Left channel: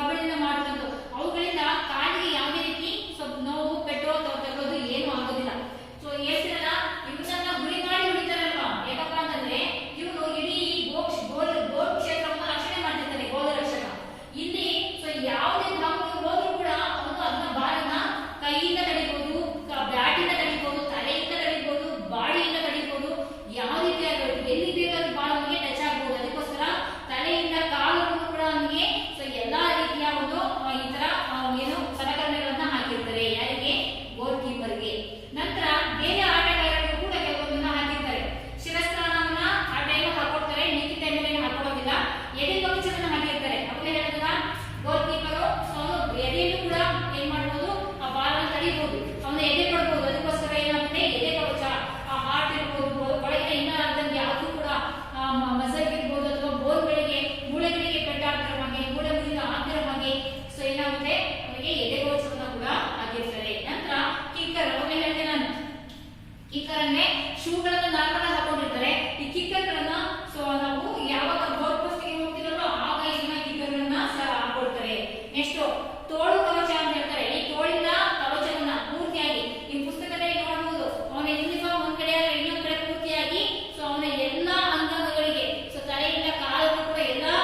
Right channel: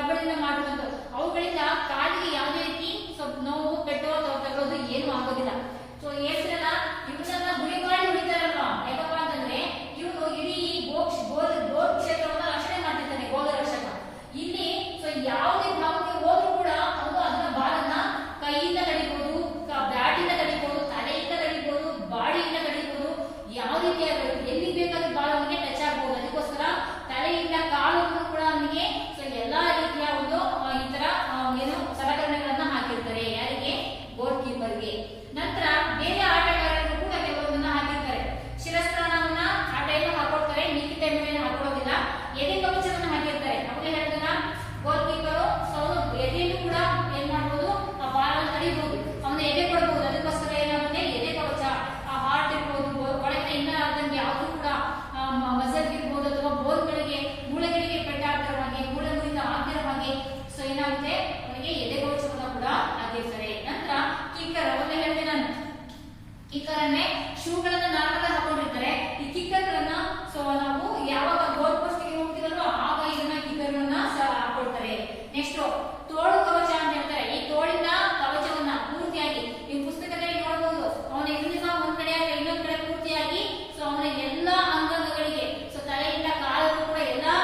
ಕಬ್ಬಿಣದಿಂದ ಮಾಡಿರುವಂತ ಅವುಗಳಿಂದ ಕಾಲಿಗೆ ಯಾವುದೇ ರೀತಿ ನೋವು ಪೆಟ್ಟು ಅಥವಾ ತಗೋದು ಏನು ಆಗೋದಿಲ್ಲ. ಸೊ ಹೇಳ್ತಿರಲ್ಲ ಇವನ್ನ ಗುರಿ ಮಾಡಿ ಹೊಡಿತಾರಲ್ವಾ, ಯಾಕಪ್ಪ ಅಂತಂದ್ರೆ ಇವನು ಇಡೀ ಗೋಲ್ ಕ್ಷೇತ್ರವನ್ನ ರಕ್ಷಣೆ ಮಾಡ್ತಿರ್ತಾನೆ, ಗೋಲ ರಕ್ಷಕ. ಇಲ್ಲಿ ಸೊ ಯಾವುದೇ ಭಾಗಕ್ಕೆ ಹೋದ್ರೂ ಕೂಡ ಅವನು ಅದನ್ನ ಬಾಲನ್ನ ಕೈಯಿಂದ ತಡಿಬಹುದು, ಬ್ಯಾಟಿಂದ ತಡಿಬಹುದು, ತಲೆಯಿಂದ ತಡಿಬಹುದು, ಬಾಡಿಯಿಂದ ತಡಿಬಹುದು, ಯಾವ ರೀತಿ ಎಲ್ಲಿ ಬೇಕಾದ್ರೂ ಬಾಲ್ ಅವನಿಗೆ ಟಚ್ ಆಗಬಹುದು. ಅದಕ್ಕೋಸ್ಕರ ತಲೆಯಿಂದ ಕಾಲನ್ನು ಕೂಡ ಅವನಿಗೆ ಸೊ ಎಲ್ಲಾ ರೀತಿಯ ಒಂದು ಈ ತರ ಏನು ಸಲಕರಣೆಗಳನ್ನ ಹಾಕಿರ್ತಾರೆ. ಯಾರಿಗೆ? ಗೋಲ್ ಕೀಪರ್ಗೆ. ನಂತರ ಬೇರೆ ಆಟಗಾರರಿಗೂ ಕೂಡ ಕೆಲವೊಂದನ್ನ ಹಾಕಿರ್ತಾರೆ. ಶಿರಸ್ತ್ರಾಣವನ್ನ ಆ ಟೈಮ್ ಹಾಕೊಳ್ತಾರೆ, ನಿಂತಿದ್ದ ಮೇಲೆ ಹಾಕೊಳ್ಳೋದಿಲ್ಲ. ಎದೆ ಕವಚವನ್ನ ಹಾಕಿರ್ತಾರೆ. ಅವನೇ ಹೇಳಿದ ಗೋಲ್ ಕೀಪರು ಎದೆಯಲ್ಲೂ ಕೂಡ ಏನ್ ಮಾಡಬಹುದು, ಆ ಬಾಲ್ ಅನ್ನು ತಡಿಬಹುದು, ಅವನ ಎದೆ ಕೊಡಬಹುದು. ಅದಕ್ಕೋಸ್ಕರ ಏನಾಗುತ್ತೆ, ಎದೆ ಕವಚ, ಆ ಹಾರ್ಟ್ ಇರ್ಬೋದು, ಒಳಗೆ ಇನ್ನ ಅದಂಗೆ ಯಾವುದು ಕೂಡ ಮಸಲ್ ಇರ್ಬೋದು ಅಥವಾ ಬೋನ್ಗಳಿಗೆ ಮೂಳೆಗಳಿಗೆ ಪೆಟ್ಟಾಗ್ತಿರೋ ಹಾಗೆ, ಮೂಳೆ ಮುರಿದ ಆಗ್ತಿರೋ ಹಾಗೆ ಸೊ ಏನಾಗುತ್ತೆ, ಅವನಿಗೆ ಎದೆ ಕವಚವನ್ನ ಕೂಡ ಹಾಕಿರ್ತಾರೆ. ನಂತರ ಕಿಕ್ಕರ್, ಅವನ್ನ ಹೇಳಿದೆ ನಾನು, ಕಿಕ್ಕರ್ ಅನ್ನೇ ಶೂಗಳನ್ನ ನಾರ್ಮಲ್ ಹಾಕೊಂಡಿರ್ತಾರೆ. ಈ ಕಿಕ್ಕರ್ ಗಳನ್ನ ಸೊ ನಾವು ಯಾವಾಗ ಗೋಲ್ ಪೋಸ್ಟ್ ಗೆ ಹೋಗ್ತೀವಲ್ವ ಆಗ ಇದನ್ನ ಕಿಕ್ಕರ್ ಗಳನ್ನ ಹಾಕೊಳ್ತಾರೆ. ನೆಕ್ಸ್ಟ್ ತೋಳು ಕವಚ ಅಂತ ಹೇಳ್ತಾರೆ. ಈ ತೋಳಿನ ಕವಚವನ್ನ ಪೂರ್ತಿಯಾಗಿ ಈ ಪುಸ್ತಕದಲ್ಲಿ ನೋಡಬಹುದು. ಅವನ ಯೂನಿಫಾರ್ಮ್ ಒಂದ್ ಕಡೆ ಆದ್ರೆ ಇನ್ನೊಂದ್ ಕಡೆ ಪೂರ್ತಿಯಾಗಿ ಸೊ ಅವನ ಎಲ್ಲಾ ಅಂಗಾಂಗಗಳಿಗೆ ಸೊ ತಲೆಯಿಂದ ಕಾಲಕ್ಕೂ ಕೂಡ ಎಲ್ಲಾ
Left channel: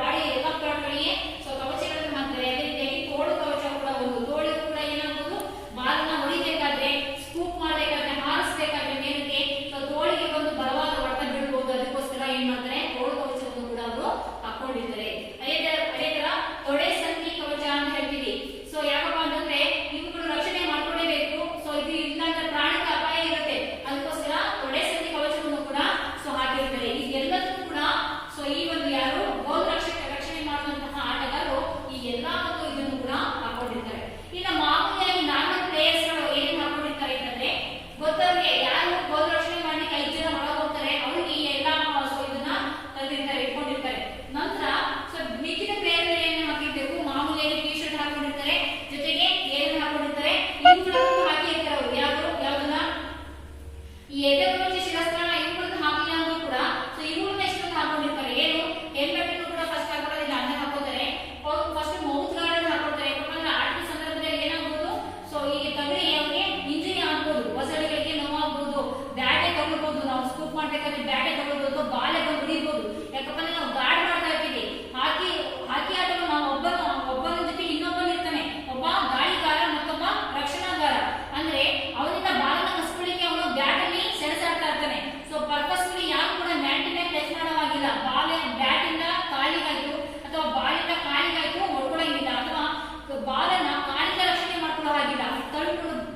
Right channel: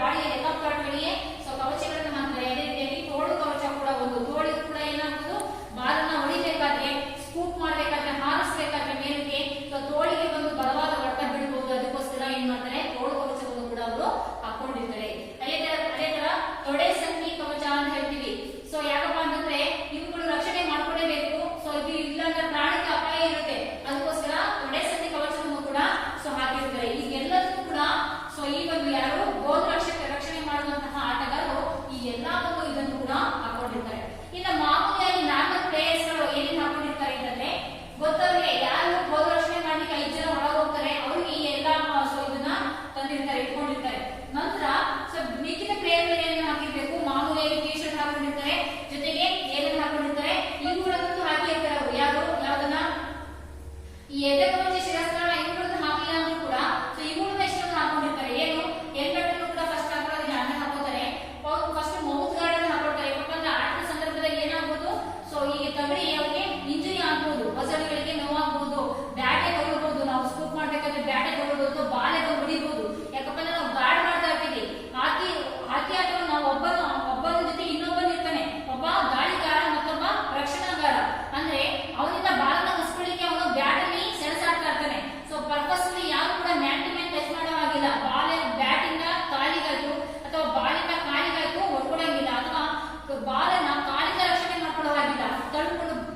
ಬಾಡಿ ಎಲ್ಲ ಪಾರ್ಟ್ಗಳಿಗೆ ಸೊ ಕವಚಗಳನ್ನು ಮಾಡ್ತಾರೆ. ಅದೇ ರೀತಿಯಾಗಿ ತೋಳು ಕವಚ ಕೂಡ ಒಂದು. ತೋಳಿಗೆ ಕೂಡ ಏನಾಗ್ಬೋದು, ಬಾಲನ್ನ ಹೊಡಿಬೇಕಾದ್ರೆ, ಸ್ಕೂಪ್ ಮಾಡ್ಬೇಕಾದ್ರೆ, ಹಾರಿಸಬೇಕಾದ್ರೆ ಮೇಲಕ್ಕೆ ಸೊ ತೋಳಿಗೆ ಒಂದು ಬಲವಾದ ಹೊಡೆತ ಬೀಳ್ಬಹುದು. ಅದಕ್ಕೋಸ್ಕರ ಏನ್ ಮಾಡ್ತಾರೆ, ತೋಳು ಕವಚವನ್ನು ಕೂಡ ಅವರು ಹಾಕೊಂಡಿರ್ತಾರೆ. ಅದೇ ತರ ತೊಡೆ ಸಂಧಿ ಕವಚ ಅಂತ ಹೇಳ್ತೀವಿ. ಸೊ ಯಾಕಪ್ಪ ಅಂತಂದ್ರೆ ಇವುಗಳು ರಕ್ಷಣೆ ಮಾಡ್ಕೊಳ್ಳೇಬೇಕು. ಸೊ ಇದು ಇಲ್ಲಂದ್ರೆ ಪ್ರಾಣಿಕ ಅಪಾಯ ಇರುತ್ತೆ. ಅದಕ್ಕೋಸ್ಕರ ತೊಡೆ ಸಂಧಿ ಕವಚವನ್ನು ಕೂಡ ಸೊ ಹಾಕಿರ್ತಾರೆ. ಇದೆಲ್ಲದೂ ಕೂಡ ಸೊ ಈ ಒಂದು ಯಾರು ಗೋಲ್ ರಕ್ಷಣೆ ಮಾಡುವಂತಹ ಆಟಗಾರರು ಈ ಎಲ್ಲಾ ಒಂದು ಇದನ್ನು ಕೂಡ ಹಾಕೊಂಡಿರ್ತಾರೆ. ಇನ್ನು ಮಾಮೂಲಿಯಾಗಿ ನಾರ್ಮಲ್ ಪ್ಲೇಯರ್ಸ್ ಗಳು ಏನೇನು ಹಾಕೊಂಡಿರ್ತಾರೆ ಅಂತಂದ್ರೆ, ಗೊತ್ತವ್ರಿಗೆ ಯಾರು ಗೋಲ್ ರಕ್ಷಣೆ ಮಾಡ್ಲಿಕ್ಕೆ 5 ಜನ ಒಳಗೆ ಹೋಗ್ತಾರೆ ಅವ್ರಿಗೆ ಈ ಎಲ್ಲಾ ಸೊ ಇದನ್ನ ತಂದಿರ್ತಾರೆ, ಇಟ್ಕೊಂಡಿರ್ತಾರೆ. ನಂತರ ಸೊ ಮಿಕ್ಕಿದ ಪ್ಲೇಯರ್ ಏನು ಹಾಕಿರ್ಬೇಕು, ಮಾಮೂಲಿಯಾಗಿ ಟಿ ಶರ್ಟ್ ಹಾಕೊಂಡಿರ್ತಾರೆ, ಜೊತೆಗೆ ಏನೇನು ಹಾಕೊಂಡಿರ್ತಾರೆ ಇವುಗಳನ್ನು ಹಾಕಿರ್ತಾರೆ. ಅವರು ಯಾವ್ದನ್ನ ಈ ಎದೆ ಕವಚ, ಶಿರಸ್ತ್ರಾಣ ಇವುಗಳನ್ನು ಹಾಕಿಲ್ಲ ಅಂದ್ರೂ ಕೂಡ ಸೊ ಇವುಗಳನ್ನ ಇಷ್ಟನ್ನು ಹಾಕೊಂಡಿರ್ತಾರೆ. ಏನು ಹೆಲ್ಮೆಟ್ ಅನ್ನು ಕೂಡ ಫಸ್ಟ್ ಹಾಕೋದಿಲ್ಲ, ಅನ್ನ ಹಾಕೋತಾರೆ. ಫಸ್ಟ್ ಮೌತ್ ಗಾರ್ಡ್ ಅನ್ನು ಹಾಕೊಳ್ತಾರೆ. ಯಾಕಂದ್ರೆ ಆಟದ ಸಂದರ್ಭದಲ್ಲಿ ಏನಾಗ್ಬೋದು, ಸೊ ಈಗ ತಗಳಿ ಅವ್ರಿಗೆ ಇಂಜುರಿ ಆಗ್ಬೋದು, ಬಸಳಿಗಳಿಗೆ ನೋವಾಗ್ಬೋದು, ಬ್ಯಾಟೆ ತಗೊಳ್ಬಹುದು, ನಾವು ಸ್ಕೂಪ್ ಮಾಡ್ಬೇಕಾದ್ರೆ ಬ್ಯಾಟೆ ತಗೊಳ್ಬಹುದು, ಬಾಲೆ ಹೊಡಿಬಹುದು. ಯಾಕಂದ್ರೆ ನಾವು ಗಾರ್ಡ್ ಮಾಡ್ತಾ ಇರ್ತೀವಿ. ಹಾಕಿ ಆಟಗಳು ನಾವು ಒಬ್ಬನ ಜೊತೆ ಇನ್ನೊಬ್ಬನ ಇರ್ತಾನೆ, ಒಬ್ಬ ಗಾಳಿಗಾರ ಮತ್ತೊಬ್ಬ ರಕ್ಷಣಾಗಾರ. ಅಂದ್ರೆ ಅವನಿಂದ ಬಾಲನ್ನ ಹಸ್ಕೊಳ್ಳಿಕ್ಕೆ ಅವನು ಬ್ಯಾಟ್ ಅಲ್ಲಿ ಸೆಣಸಾಡ್ತಾ ಇರ್ತಾನೆ. ಸೊ ಪರ್ಪಸ್ಫುಲಿ ಯಾರು ಕೂಡ ಮ್ಯಾಟ್ ಮೇಲೆ ಟಚ್ ಮಾಡೋವಾಗಿಲ್ಲ. ಬ್ಯಾಟ್ ಇಂದ ಕಾಲಿಗಾಯ್ತು ಅಥವಾ ಬಾಲಿಂದ ಕಾಲಿಗಾಯ್ತು ಹೊಡ್ಕೊಳಂಗಿಲ್ಲ, ಅಥವಾ ಬಾಲನ್ನ ಕಾಲಿಂದ ರಕ್ಷಣೆ ಮಾಡ್ಕೊಳ್ಳೋವಾಗಿಲ್ಲ, ತಳ್ಕೊಂಡು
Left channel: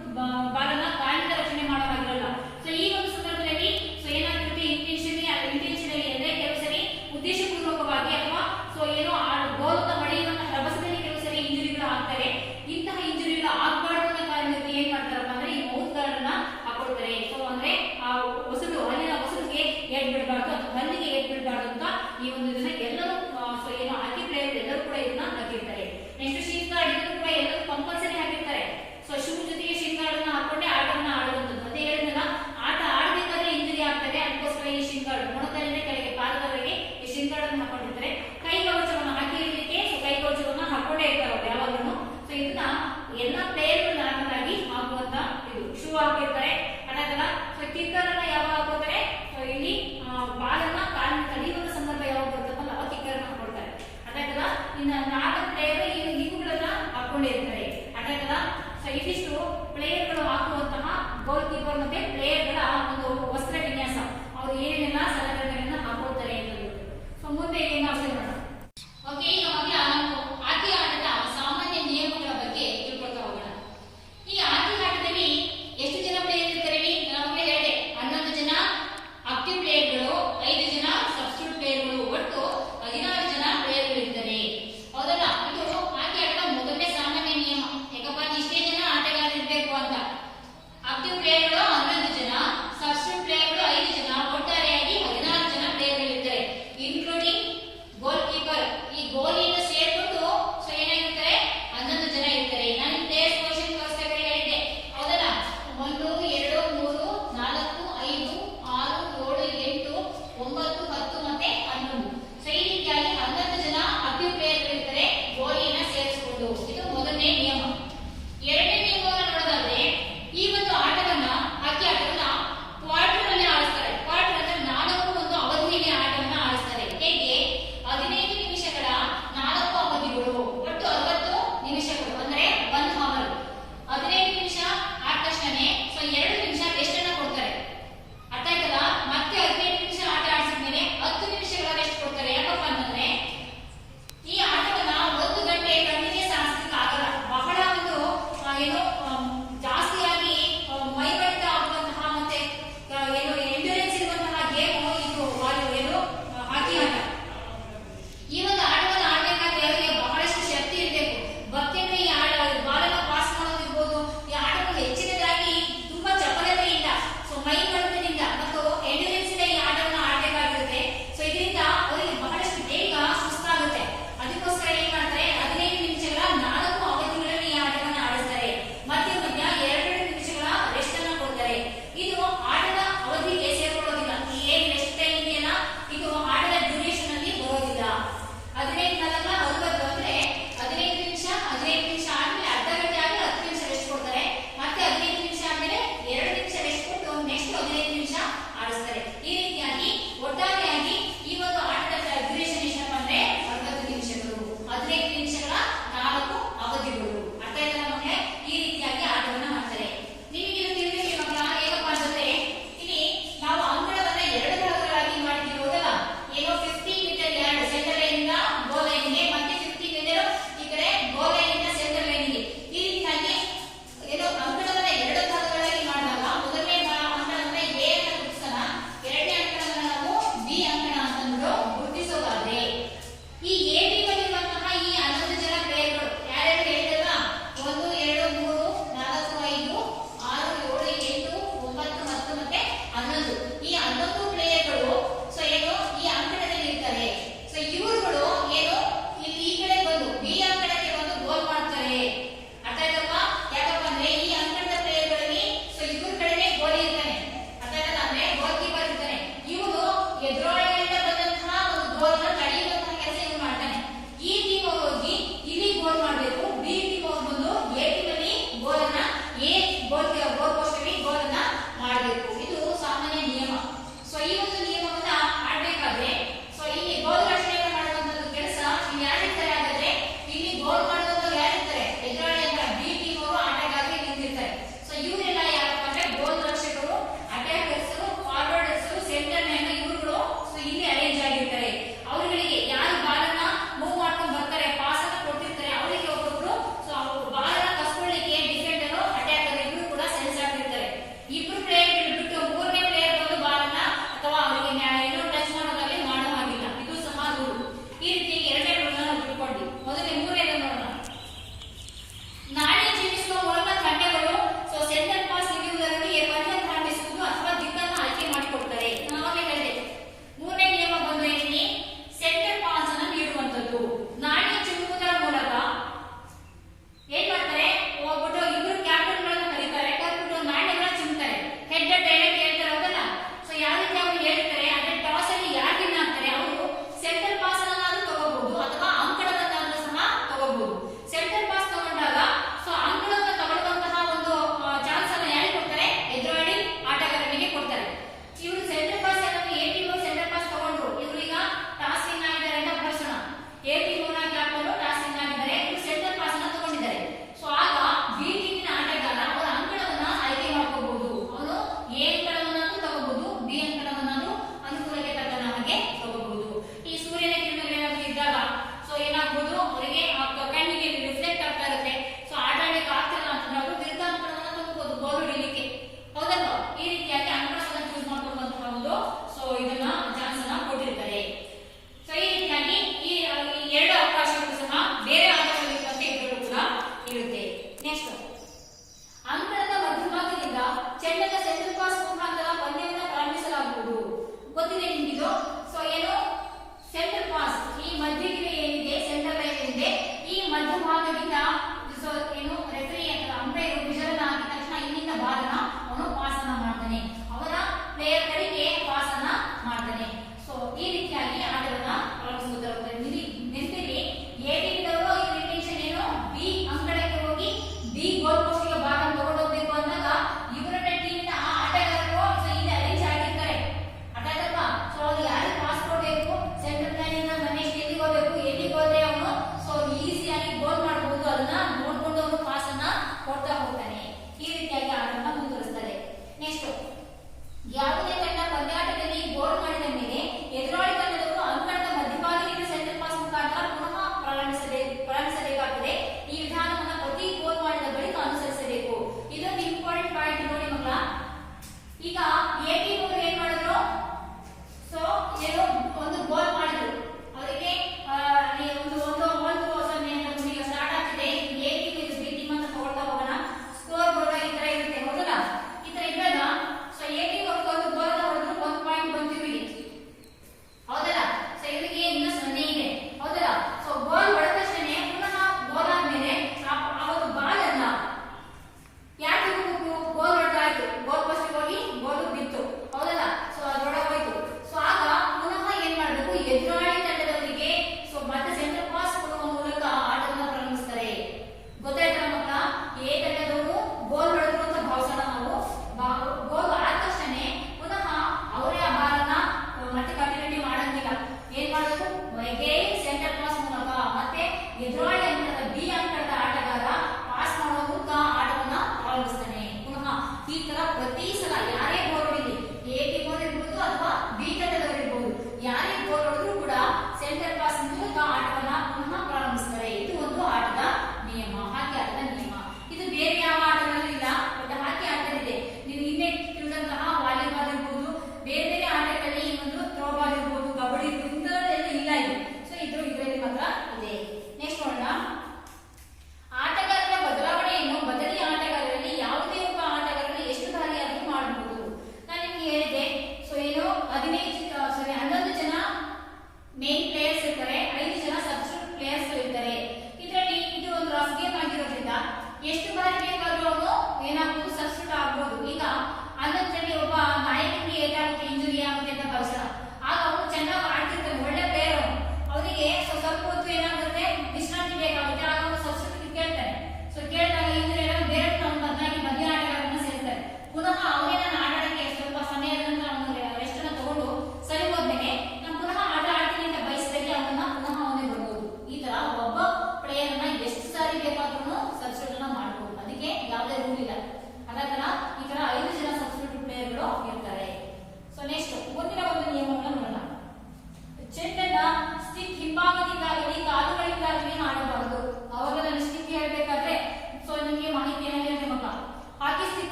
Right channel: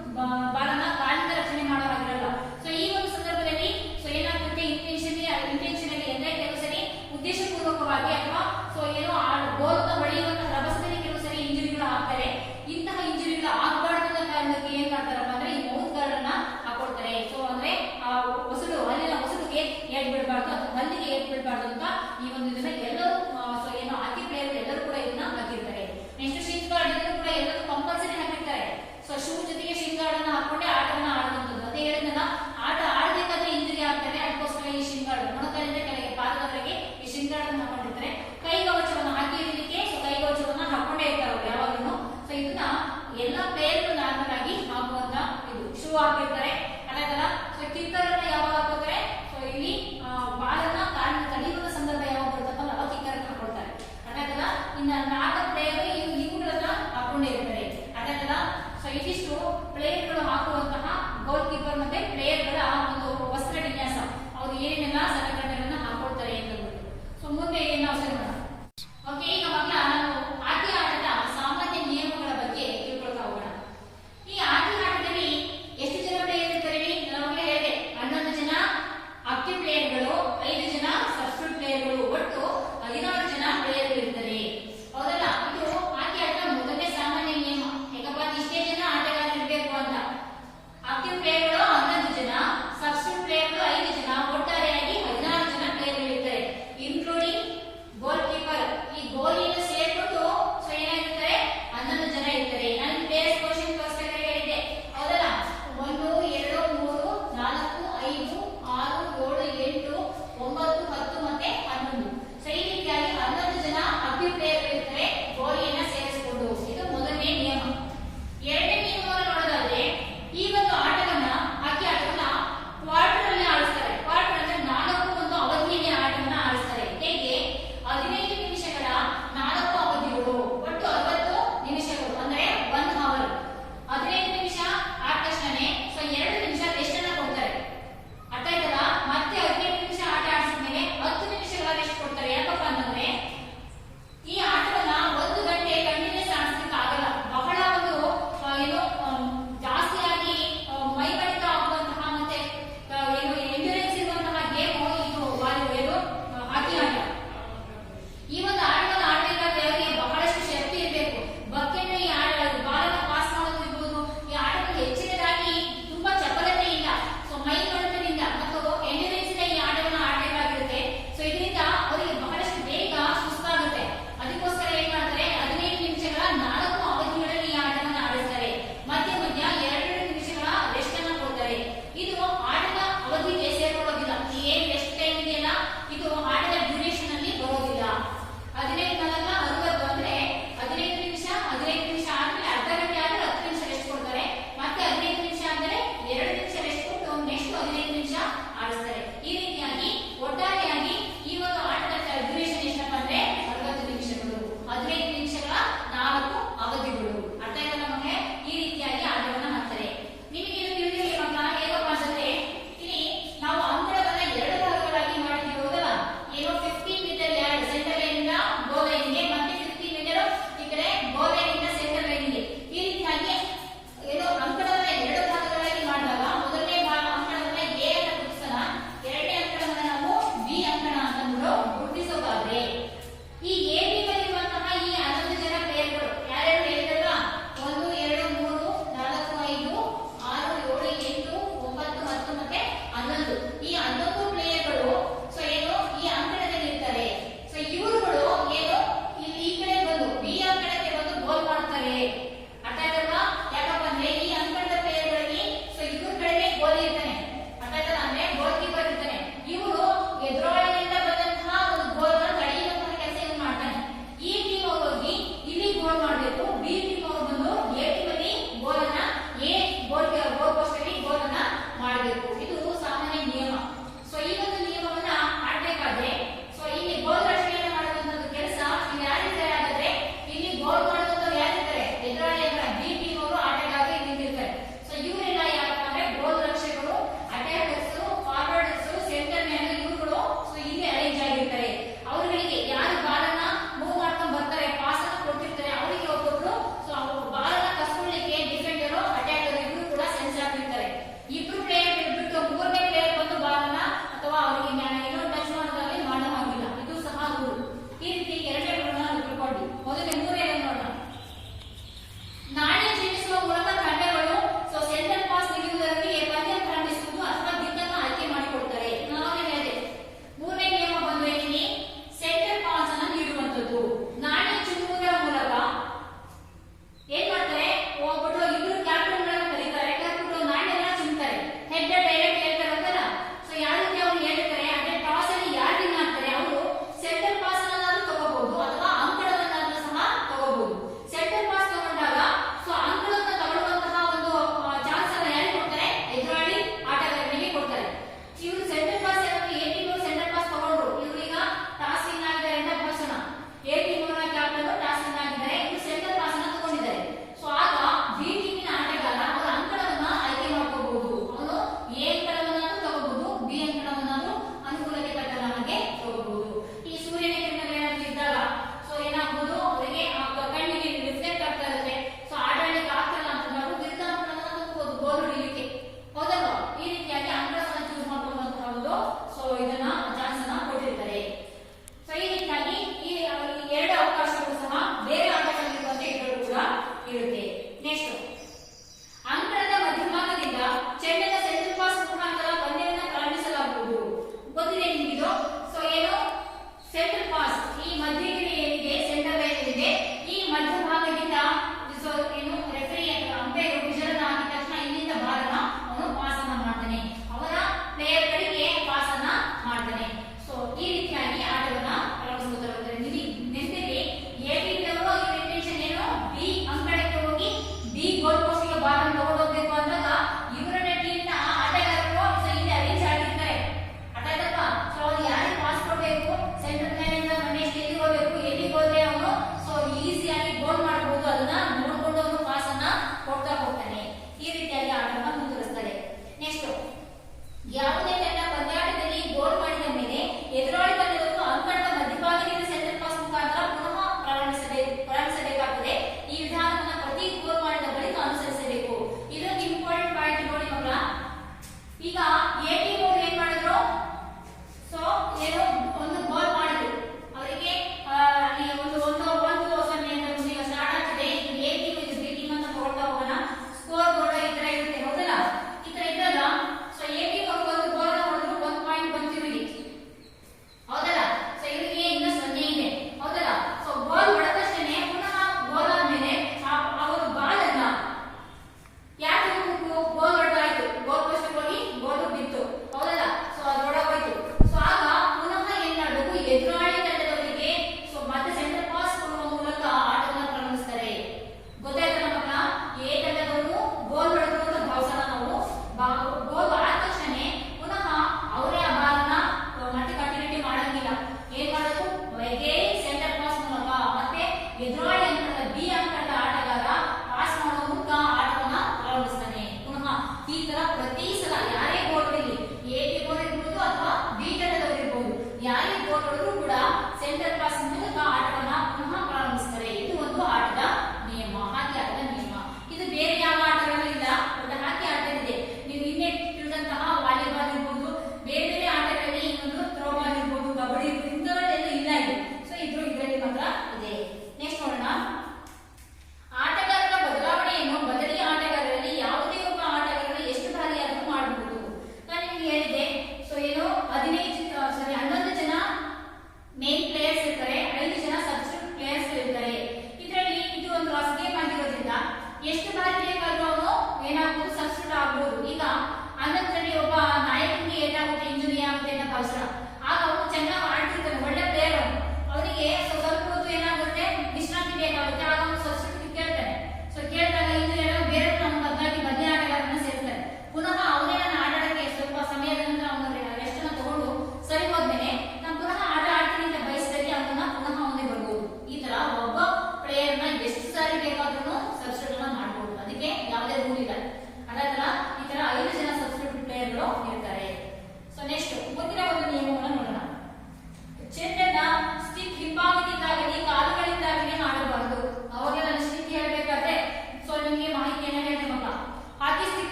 ಬಾಲನ್ನ ಕಾಲಿಂದ ರಕ್ಷಣೆ ಮಾಡೋವಾಗಿರಲ್ಲ. ಸೊ ಈ ಒಂದು ಸಂದರ್ಭದಲ್ಲಿ ಸೊ ಏನಾಗುತ್ತೆ, ಇಂಟೆನ್ಷನಲಿ ಅಂದ್ರೆ ಕೆಲವು ಸರಿ ಉದ್ದೇಶಪೂರ್ವಕವಾಗಿ ಅಥವಾ ಸೊ ಏನೋ ಗೋಲ್ನ ಹೊಡೆಯುವಂತಹ ರಭಸದಲ್ಲಿ ಕೆಲವು ಸರಿ ಇಂಜುರಿಗಳು ಆಗ್ತವೆ. ಇಂತಹ ಇಂಜುರಿಗಳು ಆಗಬಾರ್ದು ಅನ್ನೋ ಕಾರಣಕ್ಕೆ ಏನ್ ಮಾಡ್ತಾರಪ್ಪ ಅಂದ್ರೆ ಈ ಮೌತ್ ಗಾರ್ಡ್ ಅನ್ನ ಹಾಕೊಳ್ತಾರೆ. ಸೊ ಅಂದ್ರೆ ಆ ಅಲ್ಲಿನ ಹೊಸಲಿಗೆ ಏಟ್ ಬಿಡಬಾರ್ದು ಅಥವಾ ಹಲ್ಲಿಗೆ ಏಟ್ ಬಿಡಬಾರ್ದು ಅಂತ ಈ ಒಂದು ಇದನ್ನ ಎಲ್ಲರೂ ಸೊ ಏನೋ ಹಾಕಿ ಪ್ಲೇಯರ್ ಎಲ್ಲರೂ ಕೂಡ ಇದನ್ನ ಹಾಕಿರ್ತಾರೆ. ನೆಕ್ಸ್ಟ್ ಶೀನ್ ಗಾರ್ಡ್, ಇದನ್ನು ಕೂಡ ಎಲ್ಲರೂ ಕಂಪಲ್ಸರಿ ಹಾಕಿರ್ತಾರೆ. ಸೊ ಶೂ ಜೊತೆಗೆ ಶೀನ್ ಗಾರ್ಡ್ ಅನ್ನ ಹಾಕೊಂಡೆ ಆಟವನ್ನ ಆಡುವಂಥದ್ದು. ಮತ್ತೆ ಹೇಳಿದ್ನಲ್ಲ, ಆಟ ಆಡಬೇಕಾದ್ರೆ ಇಂಜುರಿ ಆಗ್ತಾರೆ. ಅದಕ್ಕೋಸ್ಕರ ಈ ಶೀನ್ ಗಾರ್ಡ್ ಮೊಣಕಾಲಿಂದ ಕೆಳಗೆ ಪಾದದವರೆಗೆ ಈ ಶೀನ್ ಗಾರ್ಡ್ ಅನ್ನು ಹಾಕೊಂಡಿರ್ತಾರೆ. ಕೈ ಕವಚವನ್ನು ಹಾಕಿರ್ಲಿಕ್ಕೆ ಸೊ ಕೈ ಕವಚವನ್ನ ಹಾಕೊಂಡೇ ಇರ್ತಾರೆ ಅವರು ಯಾವಾಗಲೂ. ಸೊ ಇದನ್ನ ಎಲ್ಲಾ ಪ್ಲೇಯರ್ ನಾರ್ಮಲ್ ಆಗಿ ಹಾಕುವಂತ ಇದು ಶೂ ಹಾಕಿರ್ತಾರೆ. ಅದಾಗಲ್ಲ ಸೊ ಕಿಕ್ಕರ್ ಅನ್ನ ಯಾವಾಗ ಹಾಕೋತಾರೆ, ಸೊ ಇಲ್ಲಿ ಬಾಲನ್ನ ಕಾಲಿನ ತಡೆಯುವಂತ ಸಂದರ್ಭ ಯಾವಾಗ ಬರ್ತಕ್ಕಲ್ಲ ಅವಾಗ ಕಿಕ್ಕರ್ ಅನ್ನ ಹಾಕೊಳ್ತಾರೆ. ಅದಾಗಲ್ಲ ಇನ್ನು 4 ಪ್ಲೇಯರ್ ಇವುಗಳನ್ನ ಹಾಕೊಂಡೇ ಇರ್ತಾರೆ. ಅದಾಗಲ್ಲ ಸೊ ಇದಿಷ್ಟು ಪ್ಲೇಯರ್ ಗಳು ಹಾಕುವಂತಹ ಗೋಲ್ ಕೀಪರ್ ಮತ್ತೆ ಪ್ಲೇಯರ್ ಗಳ ಒಂದು ವಸ್ತ್ರ ವಿನ್ಯಾಸ, ಅವರು ಏನೇನೆಲ್ಲ ಸಲಕರಣೆಗಳನ್ನ ಹಾಕೊಳ್ತಾರೆ ಅಂತ ಹೇಳ್ಬಿಟ್ಟು. ಸೊ ಮುಂದೆ ನಾವು ನೋಡೋಣ. ಓಕೆ, ಈಗ ಮೊದಲ ನಾವು ಆಟಿ ಆಟದ ಸಾಮಾನ್ಯ ನಿಯಮಗಳ ಬಗ್ಗೆ ತಿಳ್ಕೊಳ್ತಾ ಹೋಗೋಣ. ಈ ಆಟಿ ಆಟದಲ್ಲಿ ಎಷ್ಟು ಜನ ಪ್ಲೇಯರ್ ಇರ್ತಾರೆ? ನಮಗೆ ಹೇಳಿದೆ 11 ಜನ ಆಕ್ಟಿವ್ ಪ್ಲೇಯರ್ಗಳು, 5 ಜನ ಸಬ್ಸ್ಟಿಟ್ಯೂಟ್ ಪ್ಲೇಯರ್ಗಳು, ಒಟ್ಟು 16 ಜನ ಪ್ಲೇಯರ್ಗಳು ಇರ್ತಾರೆ. ಹೌದಲ್ಲ? ಇದು ಆಟಿ ಆಟದ ಮೊದಲನೇ ಸಾಮಾನ್ಯ ನಿಯಮ. ಯಾಕಪ್ಪ ಇಷ್ಟೇ ಜನ ಆಟಗಾರರು ಇರಬೇಕು ಅಂತ. ಆಕ್ಟಿವ್ ಪ್ಲೇಯರ್ಗಳು 11 ಜನ, ಸಬ್ಸ್ಟಿಟ್ಯೂಟ್ ಪ್ಲೇಯರ್ಗಳು 5 ಜನ, ಒಟ್ಟಾರೆಯಾಗಿ 16 ಜನ ಪ್ಲೇಯರ್ಗಳು ಇರ್ತಾರೆ, ಇನ್ಕ್ಲೂಡಿಂಗ್ ಗೋಲ್ ಕೀಪರ್. ಈ ಗೋಲಿಯನ್ನು ಸೇರ್ಬಿಟ್ಟು ಸೊ ಏನಾಗಿರ್ತಾರೆ 11 ಜನ ಇರ್ತಾರೆ. ನಾನು ಪ್ಲೇಯರ್ಸ್ ಪೊಸಿಷನ್ ತೋರಿಸ್ತಾ ಹೇಳಿದ್ದೆ, ಹೌದಲ್ಲ? 1 2 3 4 5 6 7 8 9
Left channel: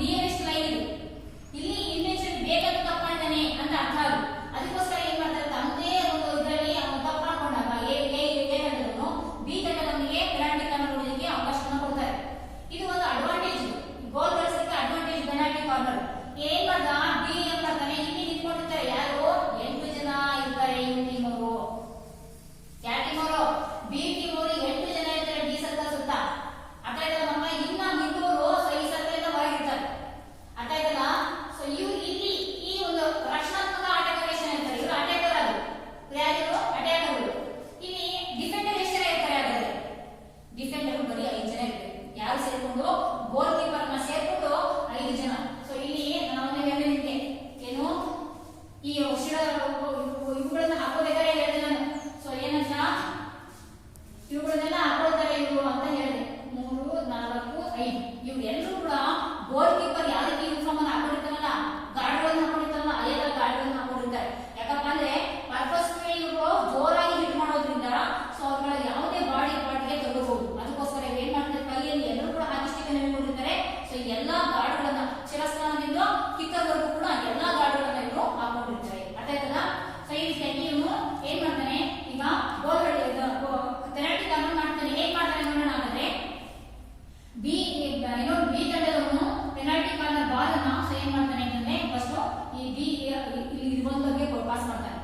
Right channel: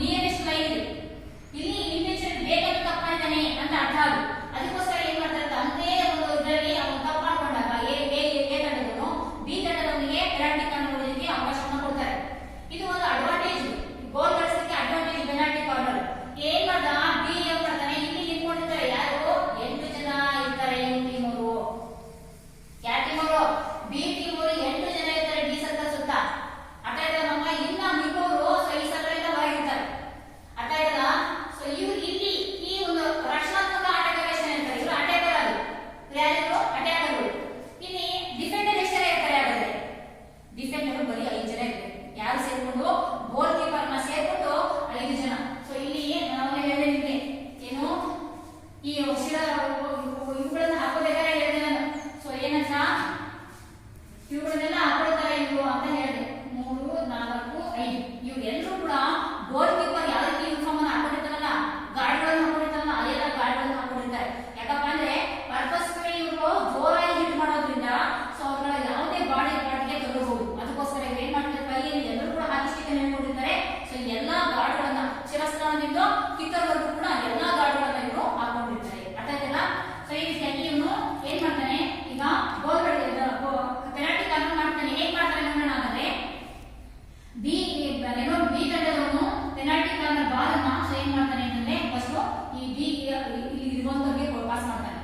ನಿಯರೆಸ್ಟ್ ಲೈನ್ ಇದೆ. ಇಲ್ಲಿ ಇಂಟೆನ್ಷನ್ ಬೇಕಂತ ತಪ್ಪು ಮಾಡಿದ್ದಾನೆ ಅಂತ ಅರ್ಥ ಅದು. ಅದಕ್ಕೋಸ್ಕರ ಏನ್ ಮಾಡ್ತಾರೆ ಅಂದೇ ಒಂದು ಇದರಲ್ಲಿ ಅವನು ತಪ್ಪು ಮಾಡ್ಕೊಂಡಾಗ ಎ ತಂಡದವನು ಬಿ ತಂಡದವನಿಗೆ ಪೆನಾಲ್ಟಿ ಕಾರ್ನರ್ ಹೊಡೆಯೋದಕ್ಕೆ ಅವಕಾಶವನ್ನು ಕೊಡ್ತಾರೆ. ಇದು ಒಂದು ಅಡ್ವಾಂಟೇಜ್, ಗೋಲ್ ಗಳಿಸಲಿಕ್ಕೆ ಅಡ್ವಾಂಟೇಜ್ ಪೆನಾಲ್ಟಿ ಕಾರ್ನರ್. ಏನ್ ಮಾಡ್ದ ಬಿ ಏನ್ ಮಾಡ್ತಾನೆ, ಇಲ್ಲಿ ನಿಂತ್ಕೊಂಡಿರ್ತಾರೆ ಯಾರು 8 ಜನ ಇರ್ತಾರೆ. ಈ ಟೀಮ್ ಅವರು ಯಾವ ಟೀಮ್ ಅವರು ಬಿ ಟೀಮ್ ಅವರು 8 ಜನ ಇರ್ತಾರೆ ಡಿ ಸರ್ಕಲ್ ಸುತ್ತ. ಅರ್ಥ ಆಯ್ತದ ನಮ್ಮ ಇನ್ನ ಮಿಕ್ಕವರು ಈ ಸರ್ಕಲ್ ಇಂದ ಹೊರಗಿರ್ತಾರೆ. ಅರ್ಥ ಆಯ್ತದ. ಸೊ ಇವ್ರು ಇಲ್ಲಿ ಈ ಒಂದು ರಕ್ಷಣಾತ್ಮಕ ಆಟಗಾರ ಎಷ್ಟು ಇರ್ತಾರೆ, ಇವರು ಅಟ್ಯಾಕರ್ ಅದು ಯಾರು ಅಟ್ಯಾಕರ್. ಇಲ್ಲಿ ಡಿಫೆಂಡರ್ ಎಷ್ಟು ಜನ ಇರ್ತಾರೆ, ಯಾರು ಡಿಫೆಂಡರ್ ಬರೀ 5 ಜನ ಇರ್ತಾರೆ. ಯಾರು ಸೇರ್ಕೊಂಡು ಗೋಲ್ ಕೀಪರ್ ನ ಸೇರ್ಕೊಂಡು 5 ಜನ. ಸೊ ಇಲ್ಲಿ ನಾನು ಹೇಳಿದ್ದೆ ಏನು ಈ ಇವುಗಳನ್ನ ಹಾಕೋಬೇಕಾದ್ರೆ ಹೇಳಿದೆ ನಾನು. ಸೊ ಏನಂತ ಇವುಗಳನ್ನೆಲ್ಲ ಹಾಕೊಳ್ತಾರೆ ಇವು ಅಂತ ಹೇಳಿದೆ. 3, 4, 5 ಇವೆಲ್ಲರೂ ಕೂಡ ಗೋಲ್ ಕೀಪರ್ ಯಾವ ರೀತಿ ಯೂನಿಫಾರ್ಮ್ ಅನ್ನು ಹಾಕೊಂಡಿರ್ತಾರಲ್ಲ, ಗಾರ್ಡ್ಗಳನ್ನು ಹಾಕೊಂಡಿರ್ತಾರಲ್ಲ, ಅಲ್ಲೆಲ್ಲ ಗಾರ್ಡ್ಗಳನ್ನು ಹಾಕೊಂಡಿರ್ತಾರೆ. ಯಾಕಪ್ಪ ಅಂದ್ರೆ ಪರ್ಪಸ್ಫುಲಿ ಇವರು ಜೋರಾಗಿ ಹಿಟ್ ಮಾಡೋದ್ರಿಂದ ಸೊ ಅವ್ರ ಯಾವುದೇ ಬಾಡಿ ಪಾರ್ಟ್ಗೆ ತಗೋಬಹುದು. ಅದಕ್ಕೋಸ್ಕರ ಇವ್ರು ಏನ್ ಮಾಡ್ತಾರೆ, ಕೈಯಲ್ಲಿ ಎಲ್ಲರೂ ಕೂಡ ಹಾಕಿ ಸ್ಟಿಕ್ ಅನ್ನು ಹೇಳ್ಕೊಂಡಿರ್ತಾರೆ. ಸೊ ಎಲ್ಲಾ ಗಾರ್ಡ್ಗಳನ್ನ ಶಿರಸ್ಥಾನದಿಂದ ಕಿತ್ತವರೆಗೂ ಕೂಡ ಎಲ್ಲಾ ಗಾರ್ಡ್ಗಳನ್ನ ಇವರು ಹಾಕೊಂಡಿರ್ತಾರೆ. ಅರ್ಥ ಆಯ್ತಲ್ಲ. ಸೊ ಈ ರೀತಿಯಾಗಿ ಇವನು ಏನ್ ಮಾಡ್ತಾನೆ, ಈಗ ಗೋಲ್ ಪೆನಾಲ್ಟಿ ಕಾರ್ನರ್ ಮಾಡ್ತಾನೆ. ಹೇಗ್ ಮಾಡ್ತಾನೆ ನೋಡೋಣ. ಹಾಗಾದ್ರೆ ಬಿ ತಂಡದವನು ಪೆನಾಲ್ಟಿ ಕಾರ್ನರ್ ಬಾಲ್ ಅನ್ನ ಸೊ ಏನ್ ಮಾಡ್ತಾನೆ ಅಂತಂದ್ರೆ ಫಸ್ಟ್ ಈ ಬಿ ಇಲ್ಲಿ ಇರುವಂತವ್ರಿಗೆ ಪಾಸ್ ಮಾಡ್ತಾನೆ.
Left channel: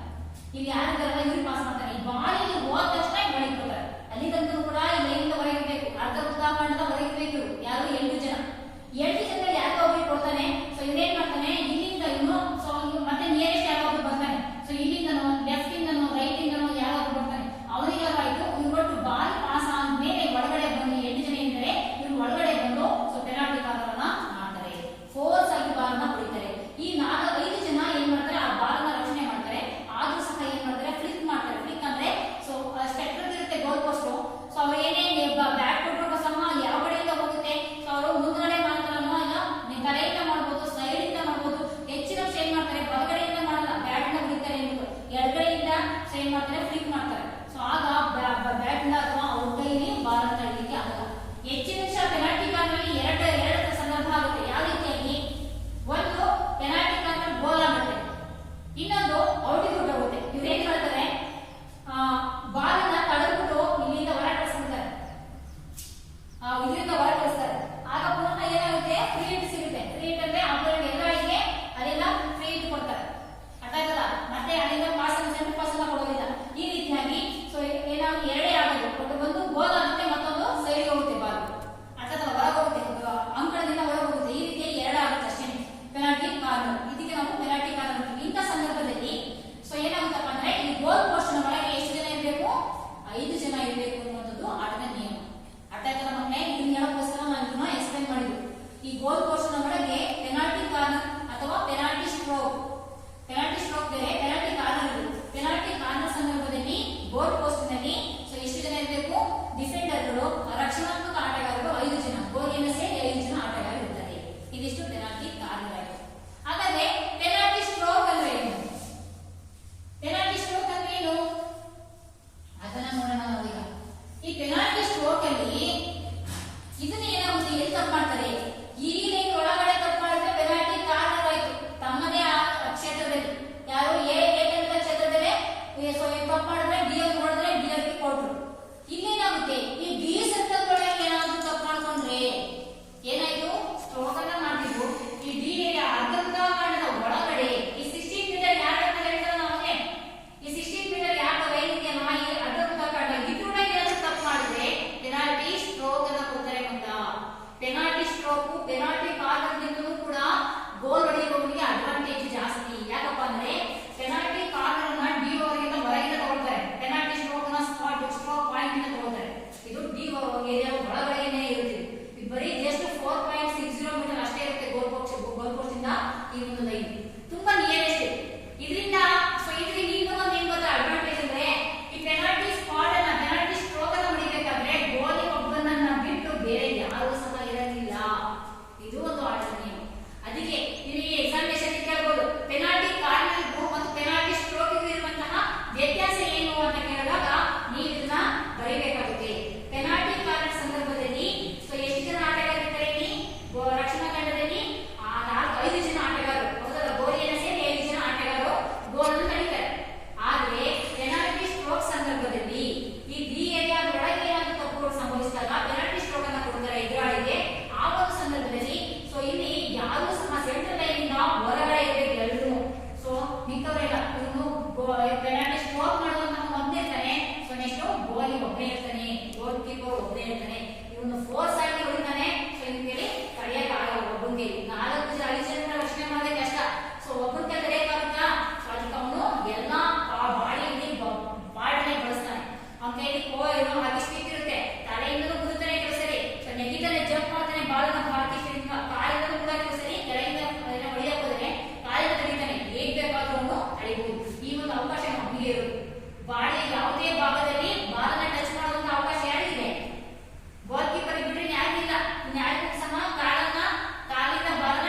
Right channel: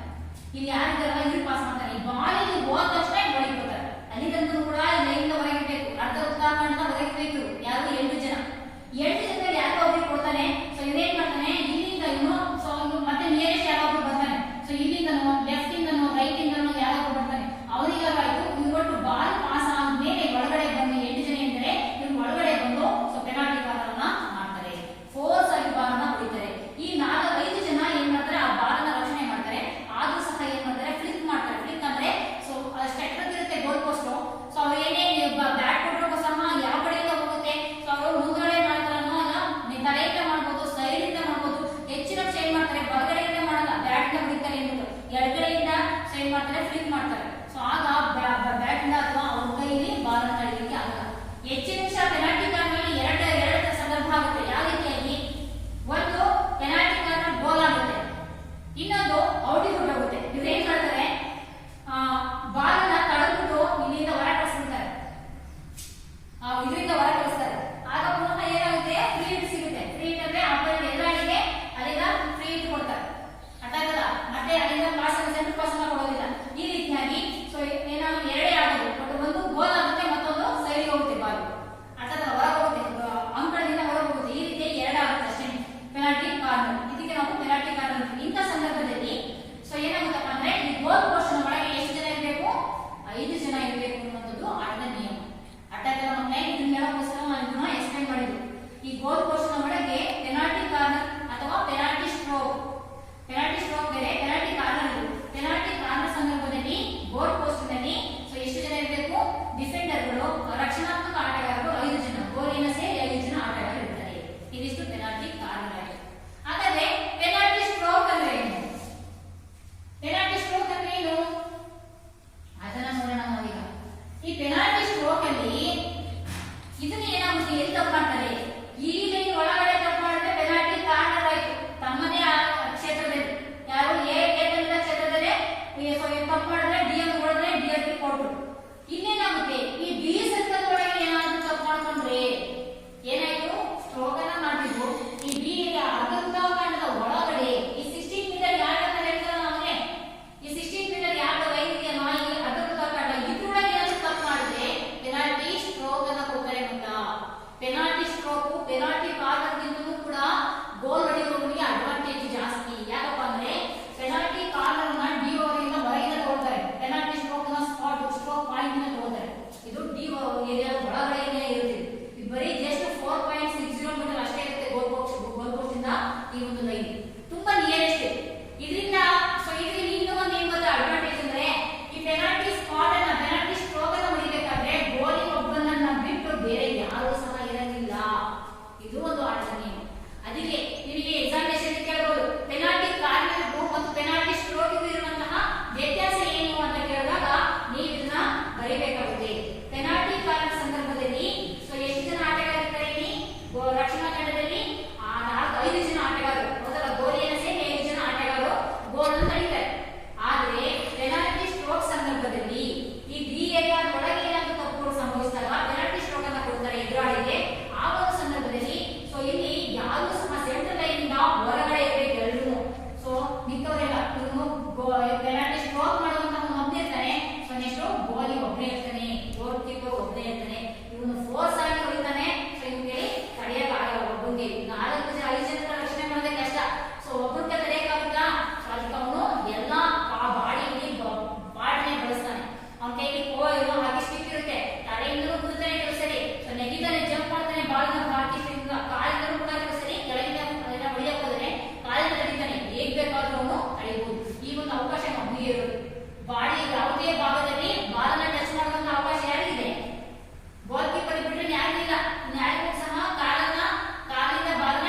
ಇಲ್ಲಿ ಯಾರಿದ್ದಾರಲ್ಲ ಇವ್ರಿಗೆ ಪಾಸ್ ಮಾಡ್ತಾನೆ. ಈ ಬಾಲ್ ಇಲ್ಲಿ ಹೋದ ತಕ್ಷಣ ಹೊರಗೆ ಬರ್ತಾರೆ. ಅಲ್ಲಿ ತನಕ ಕೂಡ ಈ ಲೈನ್ ಹೊರಗಿರ್ಬೇಕು, ಅರ್ಧ ವೃತ್ತಾಕಾರದ ಹೊರಗಿರ್ಬೇಕು. ಯಾರು 8 ಜನ. 8 ಜನರಲ್ಲಿ ಯಾರೋ ಒಬ್ಬರಿಗೆ ಕೊಡ್ತಾನೆ. ಸೊ ಇವೇನ್ ಮಾಡ್ತಾನೆ, ಇಲ್ಲಿಂದ ಇವನು ಸೊ ಮತ್ತೆ ನಿಯರೆಸ್ಟ್ ಯಾರೋ ಒಬ್ರು ಬರ್ತಾನೆ. ಸೊ ಇಲ್ಲಿಂದನೋ ಲೆಫ್ಟ್ ಇಂದನೋ ರೈಟ್ ಇಂದನೋ ಯಾರೋ ಒಬ್ರು ಬರ್ತಾನೆ. ಅವರಿಗೆ ಆಯ್ತು ಇವ್ರು ಬಾಲ್ ಪಾಸ್ ಆದ್ಮೇಲೆ ಒಳಗಡೆ ಬಂದು 8 ಜನ ಇದ್ದರೆ ಇವ್ರು ಒಳಗಡೆ ಬಂದು ಸೊ ಪೆನಾಲ್ಟಿ ಕಾರ್ನರ್ನ ಮಾಡ್ತಾರೆ. ಫೋರ್ಸ್ ಆಗಿ ಬಾಲ್ ಅನ್ನ ಹೊಡಿತಾರೆ. ಈ 4-5 ಜನ ಏನ್ ಮಾಡ್ತಾರೆ, ಆ ಬಾಲ್ ಅನ್ನ ರಕ್ಷಣೆ ಮಾಡ್ತಾರೆ. ಆದ್ರೂ ಸಹ ಏನ್ ಮಾಡ್ತಾರೆ, ಫ್ಲಿಕ್ ಮಾಡ್ತಾರೆ. ಫ್ಲಿಕ್ ಅಂದ್ರೆ ಸೊ ಸ್ಟ್ರೈಕರ್ ಇರುತ್ತೆ ಗೋಲ್ ಪೋಸ್ಟ್. ಸೊ ಅವ್ರು ಏನೇ ಬ್ಯಾಟ್ ಕೊಟ್ಟರು ಸಹ ಯಾವ ಕಡೆಯಿಂದ ಹೋಗುತ್ತೆ, ಸೊ ಅವರು ಮುಂದ್ಗಡೆ ಮಾಡ್ತಾರನ್ನೋ ಇಲ್ಲ ತಲೆಯಿಂದ ಮಾಡ್ಬೋದು, ಸೈಡ್ ಇಂದ ಮಾಡ್ಬೋದು. ಹೆಚ್ಚಿನ ಏನ್ ಮಾಡ್ತಾರೆ, ಬಲಗಡೆಯಿಂದ ಮಾಡಲ್ಲ, ಬ್ಯಾಟ್ ಇಂದ ಹೊಡಿತಾರೆ ಎಂಬುದು ಎಡಗಡೆಯಿಂದ ಸೊ ಏನ್ ಮಾಡ್ತಾರೆ, ಫ್ಲಿಕ್ ಮಾಡ್ತಾರೆ. ಸೊ ಆಗ ಬ್ಯಾಟ್ ಇಂದ ಅಥವಾ ಅವ್ರ ಕೈಲಿ ಬಾಲ್ ಅನ್ನ ಹಿಡಿಯಲಿಕ್ಕೆ ಆಗಲ್ಲ. ಹೆಚ್ಚಿನ ಪೆನಾಲ್ಟಿ ಕಾರ್ನರ್ ಎರಡು ಸಂದರ್ಭ ಆಗುತ್ತೆ. ಯಾವ ರೀತಿಯಾಗಿ, ಒಂದು ಪೆನಾಲ್ಟಿ ಕಾರ್ನರ್ ಗೋಲ್ ಆಗುತ್ತೆ, ಇನ್ನೊಂದು ಔಟಿಂಗ್ ಹೊರಟೋಗುತ್ತೆ. ಇವ್ರೇನ್ ಮಾಡ್ತಾರೆ, ಬಾಲ್ ಅನ್ನ ತಡೆದ್ಬಿಟ್ಟು ಇಲ್ಲಿಂದ ಹೊರ ಕಳಿಸ್ಬಿಡ್ತಾರೆ, ಇದರಿಂದ ಹೊರ ಕಳಿಸ್ತಾರೆ. ಆಗ ಪುನಃ ಏನಾಗುತ್ತೆ, ಫ್ರೀ ಹಿಟ್ ಸಿಗುತ್ತೆ. ಫ್ರೀ ಹಿಟ್ ಅಂದ್ರೆ ಆಪರೇಟ್ ಎದುರಾಳಿಗೆ ಅಲ್ಲಿಂದ ಫ್ರೀ ಹಿಟ್ ಕೊಡ್ತಾರೆ. ಅರ್ಥ ಆಯ್ತಲ್ಲ. ಮತ್ತೆ ಅಲ್ಲಿಂದ ಪಾಸ್ ಸೆಂಟರ್ ಪಾಸ್ ಅನ್ನ ಕೊಡೋದಿಲ್ಲ. ಈ ರೀತಿಯಾಗಿ ಸೊ ಏನಾದ್ರು ಎರಡೇ ಆಗೋದು, ಬಟ್ ಒಂದು ಗೋಲ್ ಆಗುತ್ತೆ, ಮತ್ತೊಂದು ಸೈಡ್ಗೆ ಹೋಗುತ್ತೆ ಬಾಲ್. ಅರ್ಥ ಹೊರ ಹೋಗುತ್ತೆ, ಅಂಕಣದಿಂದ ಹೊರ ಹೋಗುತ್ತೆ. ಈ ರೀತಿ 2 ಆಗುತ್ತೆ ಅಷ್ಟೇ ಪೆನಾಲ್ಟಿ ಕಾರ್ನರ್. ಇದಕ್ಕೆ ನಾವು ಪೆನಾಲ್ಟಿ ಕಾರ್ನರ್. ಇಂಥ ಸಂದರ್ಭದಲ್ಲಿ ಸೊ ಏನಾಗುತ್ತಪ್ಪ ಅಂದ್ರೆ ಈ ಗೋಲ್ ಪೋಸ್ಟ್ ಒಳಗೆ ಎಷ್ಟು ಜನ ಇರಬೇಕು, 5 ಜನ ಇರಬೇಕು ಅನ್ನೋದು ಆಟದ ನಿಯಮ. ಅರ್ಥ ಆಯ್ತಲ್ಲ ಮಕ್ಕಳೇ. ಇದನ್ನ ಹೇಳೋಕ್ಕೋಸ್ಕರ ನಾನು ಇದನ್ನ ಎಕ್ಸ್ಪ್ಲೇನ್ ಮಾಡಿದ್ದು. ಈ ಗೋಲ್ ಪೋಸ್ಟ್ ಒಳಗೆ ಪೆನಾಲ್ಟಿ ಕಾರ್ನರ್ ಅಥವಾ ಪೆನಾಲ್ಟಿ ಸ್ಟ್ರೋಕ್ ಬೇರೆ, ಪೆನಾಲ್ಟಿ ಕಾರ್ನರ್ ಇದೆ. ಪೆನಾಲ್ಟಿ ಕಾರ್ನರ್ ಸಂದರ್ಭದಲ್ಲಿ ಗೋಲ್ ಪೋಸ್ಟ್ ನಲ್ಲಿ ಸೊ ಎಷ್ಟು ಜನ ಇರಬೇಕು, ಡಿಫೆಂಡರ್ಗಳು, ರಕ್ಷಣಾತ್ಮಕ ಆಟಗಾರರು 5 ಜನ, ಗೋಲಿನ ಸೇರಿ 5 ಜನ ಆಟಗಾರರು ಇರ್ತಾರೆ. ಇದಿಷ್ಟು ಪೆನಾಲ್ಟಿ ಕಾರ್ನರ್ ಆಗಿದೆ. ಹಾಗಾದ್ರೆ ಪೆನಾಲ್ಟಿ ಸ್ಟ್ರೋಕ್ ಅಂದ್ರೆ ಏನು, ಪೆನಾಲ್ಟಿ ಸ್ಟ್ರೋಕ್ ಅಂದ್ರೆ ಏನು ಅದನ್ನ ನೋಡೋಣ ನಾವೀಗ. ಈ ಪೆನಾಲ್ಟಿ ಸ್ಟ್ರೋಕ್ ಅಲ್ಲಿ ಇದನ್ನ ಏನಾಗುತ್ತೆ, ಎಲ್ಲಿ ತಪ್ಪು ಮಾಡ್ತಾರೆ, ಈ ಲೈನ್ ಒಳಗಡೆ ತಪ್ಪು ಮಾಡಿದ್ರೆ ಪೆನಾಲ್ಟಿ ಕಾರ್ನರ್ ಆಯ್ತು ತಮ್ಮದೇ ಕ್ಷೇತ್ರದಲ್ಲಿ. ಯಾರು ಎ ಕ್ಷೇತ್ರದಲ್ಲಿ ಸೊ ತಪ್ಪು ಮಾಡಿದ್ರೆ ಡಿ ಎಂ ಹೊಡೆದ್ರೆ ಡಿ ಎಂ ಕೊಟ್ರು. ಇಲ್ಲೇನಾಗುತ್ತೆ, ಈ ಡಿ ಸರ್ಕಲ್ ಒಳಗೆ ಏನಾದ್ರು ತಪ್ಪು ಮಾಡ್ಕೊಂಡ್ರೆ ಏನಾಯ್ತು, ಸ್ಟ್ರೋಕ್ ಅನ್ನ ಮಾಡ್ತಿದ್ರು. ಈ ಡಿ ಅರ್ಧವೃತ್ತಾಕಾರದ ಒಳಗಡೆ ಈ 16 ಮೀಟರ್ ಯಾರು ಅಂತ ಹೇಳ್ತಾರೆ ನಾವೇ, ಈ 16 ಮೀಟರ್ ಯಾವ ಲೈನ್ ಇದೆಯಲ್ಲ ಈ ಅರ್ಧವೃತ್ತಾಕಾರ ಇದ್ರೊಳಗೆ ಏನಾದ್ರು ತಪ್ಪು ಮಾಡಿದ್ರೆ ಪೆನಾಲ್ಟಿ ಸ್ಟ್ರೋಕ್ ಅನ್ನ ಕೊಡ್ತಾರೆ. ಅಂತ ಪೆನಾಲ್ಟಿ ಸ್ಟ್ರೋಕ್ ಪೆನಾಲ್ಟಿ ಕಾರ್ನರ್ ಗಿಂತಲೂ ಕೂಡ ಗೋಲ್ ಹೊಡೆಯುವವನಿಗೆ ಅಡ್ವಾಂಟೇಜ್ ಜಾಸ್ತಿ. ಯಾಕಪ್ಪ ಅಂದ್ರೆ ಪೆನಾಲ್ಟಿ ಕಾರ್ನರ್ ನ ಡಿ ಓವರ್ಗಿಂತ ಹೊರಗಿಂದ ತಗೊಳ್ತಾರೆ, ಪೆನಾಲ್ಟಿ ಸ್ಟ್ರೋಕ್ ನ ಸ್ಟ್ರೋಕ್ ಪಾಯಿಂಟ್ ಇಂದ ತಗೊಳ್ತಾರೆ. ಇದು ಡಿ ಏರಿಯಾ ಒಳಗಡೆನೇ ಇರುತ್ತೆ. ಇದು ಬರೀ ಜಸ್ಟ್ 4.60 ಮೀಟರ್ ಅಷ್ಟೇ ಇರುತ್ತೆ ಗೋಲ್ ಪೋಸ್ಟ್ ಇಂದ ಈ ಒಂದು ಲೈನ್, ತುಂಬಾ ನಿಯರೆಸ್ಟ್. ಇದರಿಂದ ಸೊ ಇದರಿಂದ ಇನ್ನೂ ಒಂದು ಏನ್ ಗೊತ್ತಾ ಅಡ್ವಾಂಟೇಜ್ ಅಂದ್ರೆ, ಈ ಪೆನಾಲ್ಟಿ ಸ್ಪಾಟ್ ಅನ್ನ ಪೆನಾಲ್ಟಿ ಸ್ಟ್ರೋಕ್ ಅನ್ನ ಹೊಡಿಬೇಕಾದ್ರೆ ಗೋಲಿ ಒಬ್ಬನನ್ನ ಬಿಟ್ಟು ಬೇರೆ ಯಾರು ಸಹ ಇರೋದಿಲ್ಲ. ಇದು ಒಂದು ಆಟದ ನಿಯಮ. ಅದಕ್ಕೆ ನಿಮಗೆ ಎಕ್ಸಾಮಿನೇಷನ್ ಕೇಳಬಹುದು, ಪೆನಾಲ್ಟಿ ಕಾರ್ನರ್ ಮತ್ತು ಪೆನಾಲ್ಟಿ ಸ್ಟ್ರೋಕ್ ಇರುವಂತಹ ವ್ಯತ್ಯಾಸ ಏನು ಅಂತ ಕೇಳಿದಾಗ ನೀವು ಇದನ್ನ ಬರೀಬೇಕಾಗುತ್ತೆ. ಪೆನಾಲ್ಟಿ ಕಾರ್ನರ್ ಸಂದರ್ಭದಲ್ಲಿ ಸೊ ಎಷ್ಟು ಜನ ಆಟಗಾರರಿದ್ದಾರೆ, ರಕ್ಷಣಾ ತಂಡದಲ್ಲಿ ಹೋಗಿ 5 ಜನರ ರಕ್ಷಣೆ ಮಾಡೋದೇ ಕಷ್ಟ. ಸೊ ಒಬ್ಬರಿಗೆ ತಡೆಯಕ್ಕಾಗುತ್ತಾ? ಸೊ ಅದಕ್ಕೆ ಅವನು ಎಲ್ಲಾ ಬಾಡಿಯಲ್ಲಿ ಬಾಡನೆ ಬಳಸ್ತಾನೆ. ಅವನ ಕೈಲಿ ಹಾಕಿ ಸ್ಟಿಕ್ ಇರುತ್ತೆ, ತಲೆಯಿಂದಲೂ ಕುದುತ್ತಾನೆ ಕೆಲವು ಸರಿ, ಸೊ ನೆಗಿತಾನೆ, ಜಂಪ್ ಮಾಡ್ತಾನೆ, ಬಾಳನ್ನ ಹಾಕಿ ಕಾಲಿಂದಲೂ ಕೂಡ ಕೆಲವು ಸರಿ ಕೆಳಗಿಂದ ಹೊಡೆಯಕ್ಕೆ ಹೋದ್ರೆ ಕಾಲಿನ ತಡಿತಾನೆ. ಹೇಗ್ ಬೇಕಾದ್ರೂ ಅವನು ತಡಿಬಹುದು. ಈ ಒಂದು ಅವಕಾಶ ನಮಗೆ ಇರೋದು. ಬಾಡಿಯ ಯಾವುದೇ ಭಾಗದಲ್ಲಿ ಬಾಲನ್ನ ಟಚ್ ಮಾಡುವಂತ ಅವಕಾಶ ಯಾರಿಗಿದೆ? ಗೋಲ್ ಕೀಪರ್ ಬಿಟ್ರೆ ಯಾರಿಗಿಲ್ಲ. ಯಾರಿಗೂ ಸಹ ಕಾಲಿಂದ ಬಾಲನ್ನ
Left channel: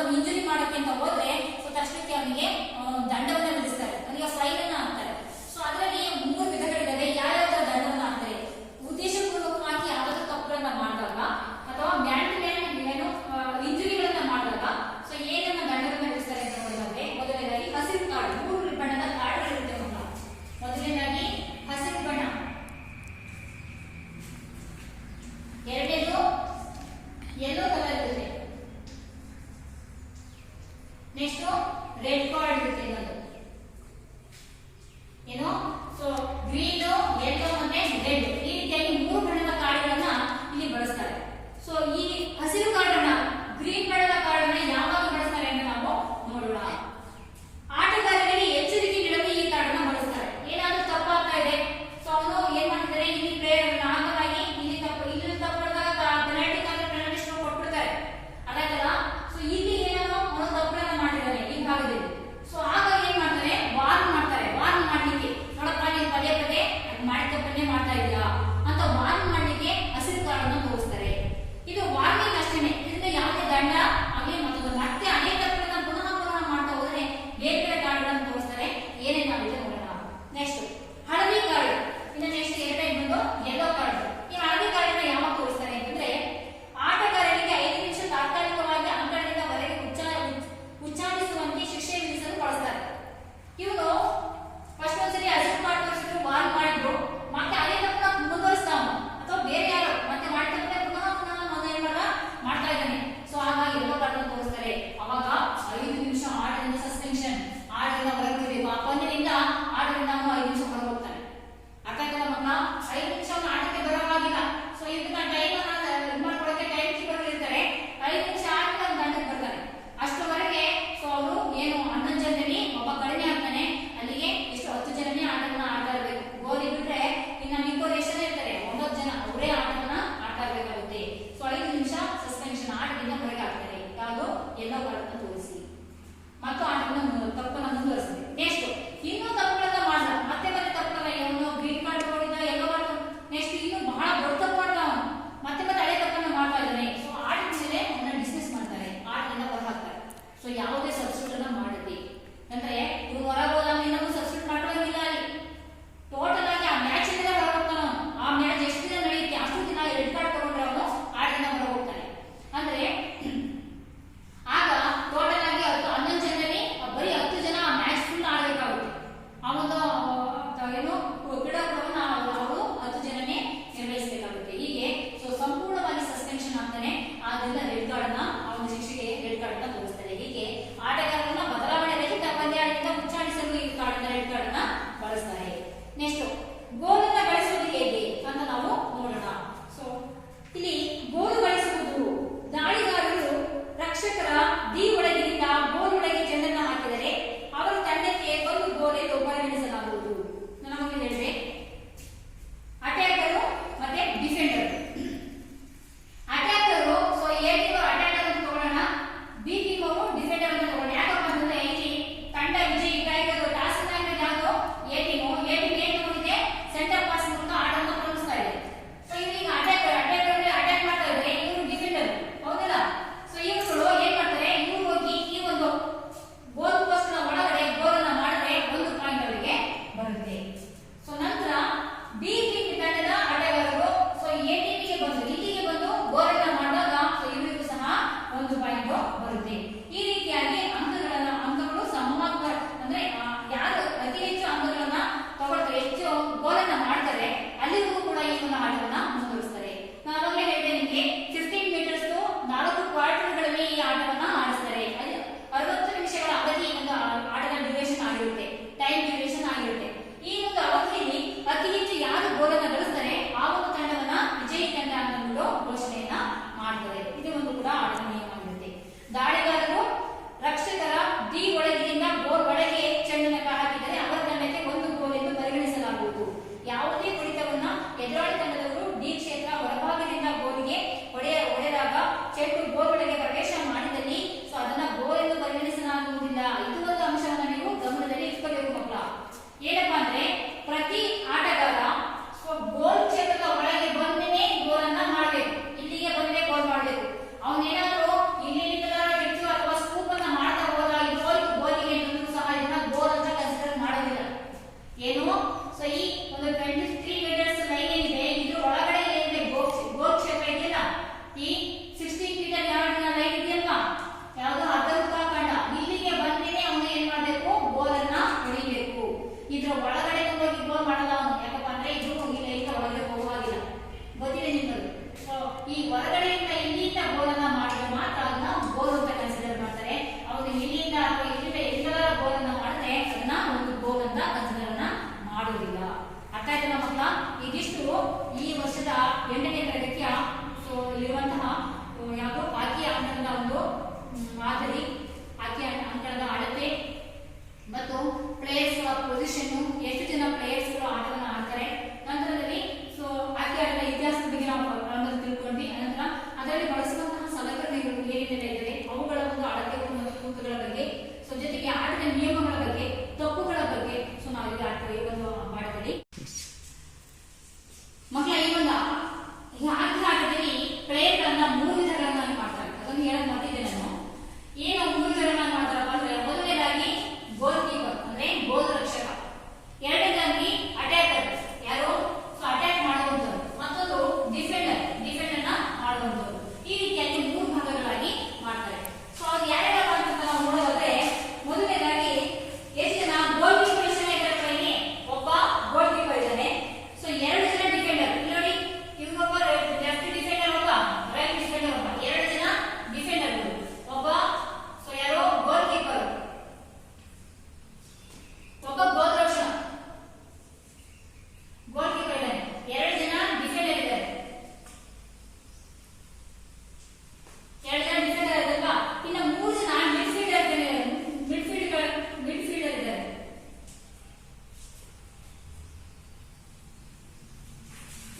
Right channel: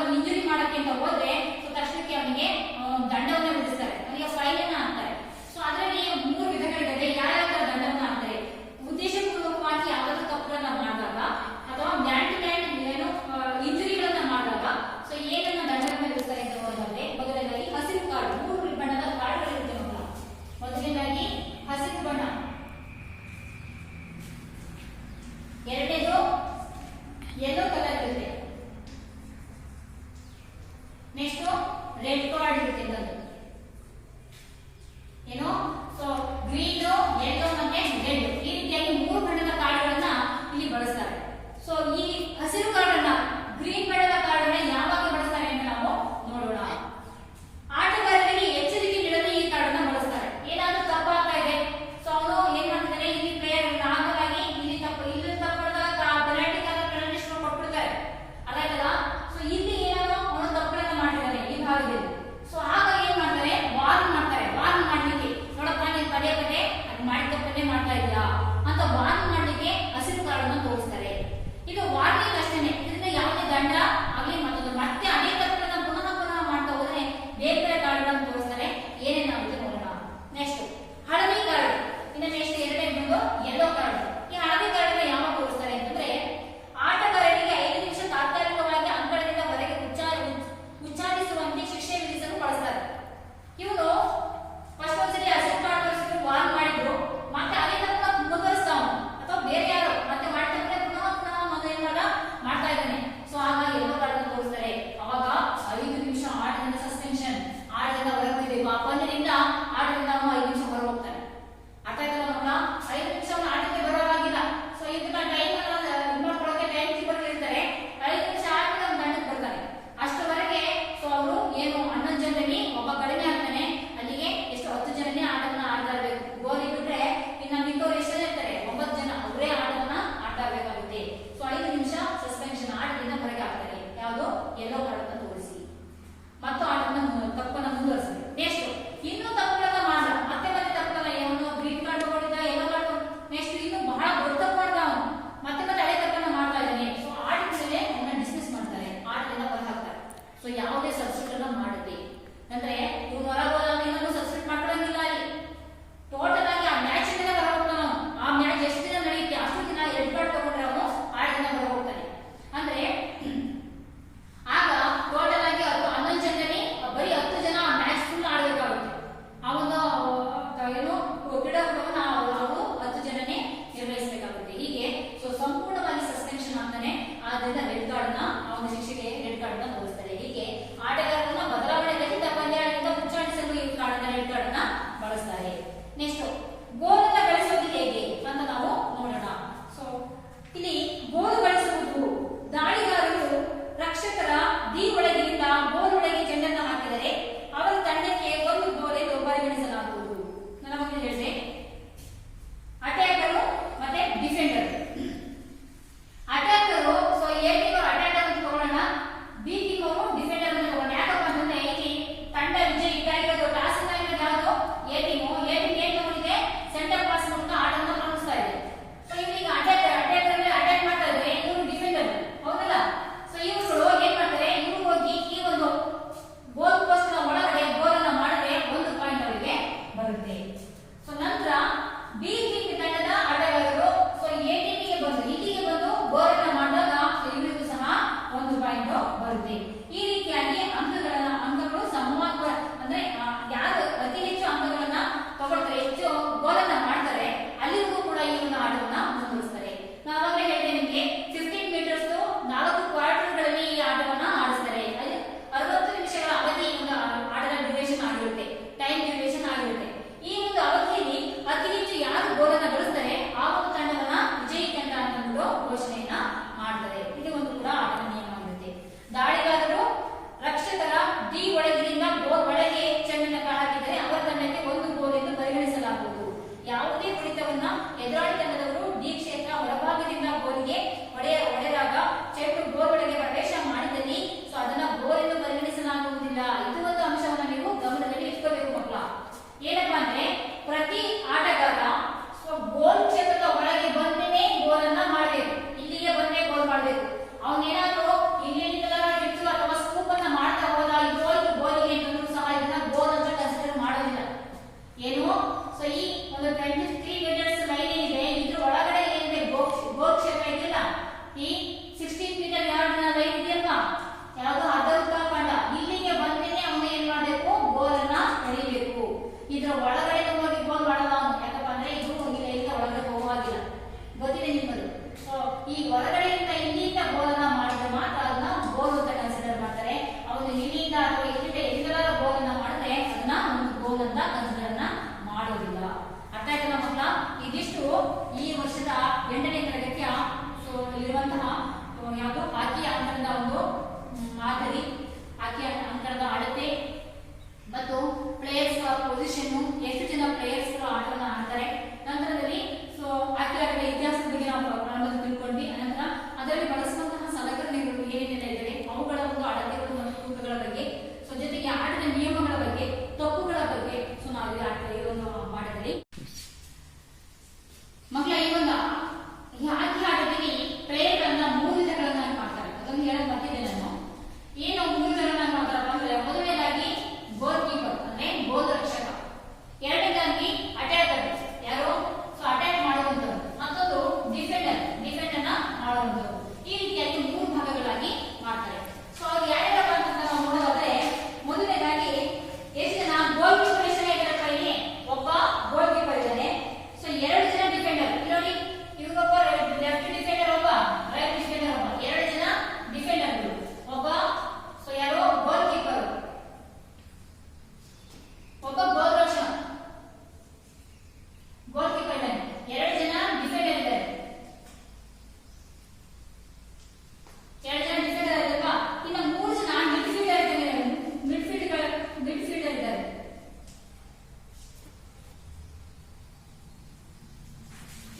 ಒಂದು ಇಂಜುರಿ ಮಾಡಕ್ಕೆ ಅಂತ ಹೋದ್ರೆ ಸೊ ತಕ್ಷಣಕ್ಕೆ ಅವನಿಗೆ ದಂಡವನ್ನ ವಿಧಿಸ್ತಾರೆ, ಅವನಿಗೆ ಫೈನ್ ಅನ್ನ ಹಾಕ್ತಾರೆ. ಸೊ ಅದರಲ್ಲಿ 3 ವಿಧಗಳಿವೆ. ಯಾವ್ಯಾವ ದಂಡವನ್ನ ಹಾಕ್ತಾರೆ? ಉದ್ದೇಶಪೂರ್ವಕವಾಗಿ ಯಾವ್ದಾದ್ರು ತಪ್ಪುಗಳನ್ನ ಮಾಡಿದಾಗ ಅಥವಾ ಮ್ಯಾನ್ ಟು ಮ್ಯಾನ್ ಏನು ಇಂಜುರಿಗಳನ್ನ ಮಾಡಿದಾಗ ಸೊ ಏನನ್ನ ದಂಡವನ್ನ ವಿಧಿಸ್ತಾರೆ ಅಂತ ನೋಡಿದ್ರೆ, ಮೊದಲನೇದಾಗಿ ಹಸಿರು ಕಾರ್ಡ್, 3 ಬಣ್ಣದ ಕಾರ್ಡ್ಗಳಿರುತ್ತೆ. ಮೊದಲನೇದಾಗಿ ಹಸಿರು ಬಣ್ಣ, ಎರಡನೇದು ಯೆಲ್ಲೋ ಕಲರ್ ಇರುತ್ತೆ, ನೆಕ್ಸ್ಟ್ ರೆಡ್ ಕಾರ್ಡ್ ಇರುತ್ತೆ. ಇನ್ನೊಂದು ಏನು ಸೊ ಗ್ರೀನ್, ಯೆಲ್ಲೋ ಮತ್ತೆ ರೆಡ್, ಈ ರೀತಿಯಾಗಿ 3 ಬಣ್ಣದ ಕಾರ್ಡ್ಗಳನ್ನ ಇಲ್ಲಿ ಬಳಸ್ತಾರೆ. ಸೊ ಈ ಹಸಿರು ಕಾರ್ಡ್ ಅನ್ನ, ಗ್ರೀನ್ ಬಣ್ಣದ ಕಾರ್ಡ್ ಅನ್ನ ಯಾವಾಗ ಬಳಸ್ತಾರೆ ಅಂತ ನಾವು ನೋಡೋಣ. ಆಟಗಾರರಿಗೆ ಎಚ್ಚರಿಕೆ ನೀಡಲು ಈ ಕಾರ್ಡ್ ಅನ್ನ ಬಳಸ್ತಾರೆ. ಏನಾದ್ರೂ ತಪ್ಪಾಗ್ತಾ ಇದೆ ಸೊ ಅವನು ಏನ್ ಮಾಡ್ತಾರೆ, ಇಲ್ಲಿ ಪ್ಲೇಯರ್ ನಾಗವಾಗಿ ಇಲ್ಲಿ ತಪ್ಪು, ಇಲ್ಲಿ ತಪ್ಪಾದಾಗ ಪೆನಾಲ್ಟಿ ಪೆನಾಲ್ಟಿ ಸ್ಟ್ರೋಕ್ ಕೊಟ್ಬಿಡ್ತಾರೆ, ಅದಾಯ್ತಲ್ಲ. ಸೊ ಇಲ್ಲಿ ಏನೋ ಅವನು ತಪ್ಪನ್ನ ಮಾಡಿದ್ದಾನೆ ಈ ಭಾಗದಲ್ಲಿ. ಸೊ ಆಗ ಏನ್ ಮಾಡ್ತಾರೆ, ವಾರ್ನ್ ಮಾಡ್ತಾರೆ. ವಾರ್ನ್ ಮಾಡ್ಲಿಕ್ಕೆ, ನೋಡಪ್ಪ ನೀನು ಪದೇ ಪದೇ ಅದು ಮಾಡಿ ತಪ್ಪನ್ನೇ ಮಾಡ್ತಾ ಇದೀಯಾ ಅಂತ ವಾರ್ನ್ ಮಾಡ್ಲಿಕ್ಕೆ ಹಸಿರು ಕಾರ್ಡ್ ಅನ್ನ ತೋರಿಸ್ತಾರೆ. ಇದು ವಾರ್ನಿಂಗ್ ಅಷ್ಟೇನೆ, ಇದರಿಂದ ಯಾವುದೇ ದಂಡ ಆಗಲಿ ಮತ್ತೊಂದು ಮತ್ತೆ ಅದೇ ತಪ್ಪನ್ನ ಪುನಃ ಮಾಡ್ತಾ ಹೋದ್ರೆ ಬೇರೆ ಬೇರೆ ಕಾರ್ಡ್ಗಳನ್ನು ತೋರಿಸ್ತಾರೆ. ಏನೇನಾಗುತ್ತೆ ನೋಡೋಣ. ನೆಕ್ಸ್ಟ್ ಹಳದಿ ಕಾರ್ಡ್, ಇನ್ನು ನೆಕ್ಸ್ಟ್ ಎರಡನೇ ಬಂದು ಯೆಲ್ಲೋ ಕಾರ್ಡ್. ಈ ಹಳದಿ ಕಾರ್ಡ್ ಅನ್ನ ಯಾವಾಗ ತೋರಿಸ್ತಾರೆ ಅಂತಂದ್ರೆ, ಆಟಗಾರರಿಗೆ 5 ನಿಮಿಷ ತಾತ್ಕಾಲಿಕವಾಗಿ ಅಂಕಣದಿಂದ ಹೊರಗೆ ಉಚ್ಚಾಟಿಸುವಂತೆ ಶಿಕ್ಷೆ ವಿಧಿಸಲು ಬಳಸ್ತಾರೆ. ಇವನು ಫಸ್ಟ್ ಒಂದ್ಸರಿ ಹಸಿರು ಕಾರ್ಡ್ ತೋರಿಸಿದ್ರು, ವಾರ್ನ್ ಮಾಡಿದ್ರು, ಮತ್ತೆ ಅದೇ ತಪ್ಪನ್ನ ಮುಂದುವರಿಸ್ತಾವ ಅಥವಾ ಬೇರೆ ಯಾರು ಮತ್ತೆ ಮಾಡ್ತಾರೆ ಪುನಃ ಮಾಡ್ತಾ ಇದ್ದಾನೆ. ಸೊ ಹಾಗಾಗಿ ಯೆಲ್ಲೋ ಕಾರ್ಡ್ ಅನ್ನು ತೋರಿಸ್ತಾರೆ. ಅವಾಗ 5 ನಿಮಿಷ ಆಟದಿಂದ ಸಸ್ಪೆನ್ಷನ್, ಆಟದಿಂದ ಹೊರಬಿಡಬೇಕು. ಆ ಪಂದ್ಯದಿಂದ ಆಟದಿಂದ 5 ನಿಮಿಷ ಹೊರ ಹೋಗ್ತಾನೆ. ಅರ್ಥ ಆಯ್ತಲ್ಲ ಮಕ್ಕಳ? 5 ನಿಮಿಷ ಆಟಕ್ಕೆ ಬರೋವಾಗಿಲ್ಲ. ಸೊ ಇದನ್ನ ಟೈಮ್ ಮಾಡ್ಕೊಡಕ್ಕೆ ಟೈಮ್ ಕೀಪರ್ ಇರ್ತಾರೆ. 5 ನಿಮಿಷ ಆಟಕ್ಕೆ ಒಂದು ದಂಡಕ್ಕೆ ಬರ್ತಾನೆ. ಅಷ್ಟರವರೆಗೆ ಸೊ ಅವರು ಏನು 11 ಜನರಲ್ಲಿ ಒಬ್ಬ ಕಡಿಮೆ ಆಗ್ತಾನೆ. ಅಲ್ಲಿಗೆ ಎಷ್ಟು 10 ಜನನೇ ಆಟವನ್ನ ಆಡ್ತಾ ಇರಬೇಕು. ಗೋಲ್ ಇದ್ರೆ ಇನ್ನು ಮಿಕ್ಕವರು ಎಷ್ಟು ಜನ ಇರ್ತಾರೆ, 9 ಜನ, ಅವರೇ ಆಟವನ್ನ ಆಡ್ತಾ ಇರಬೇಕಾಗುತ್ತೆ. ಸೊ 5 ನಿಮಿಷ ಸಸ್ಪೆನ್ಷನ್, ಆಟದಿಂದ ಹೊರಗೆ ಹಾಕ್ತಾರೆ. ಯಾವುದು ಯೆಲ್ಲೋ ಕಾರ್ಡ್ ಅನ್ನು ತೋರಿಸಿ ಮತ್ತು ಆಟವನ್ನು ತಪ್ಪನ್ನ ಮುಂದುವರಿಸಿದೆ. ನೆಕ್ಸ್ಟ್ ಇನ್ನೂ ತಪ್ಪುಗಳನ್ನ ಮಾಡ್ದ, ಮತ್ತೆ ತಪ್ಪುಗಳನ್ನ, ಇವನು ಗ್ರೀನ್ ಕಾರ್ಡ್ ತಗೊಂಡಿದ್ದ, ಯೆಲ್ಲೋ ಕಾರ್ಡ್ ನೆಕ್ಸ್ಟ್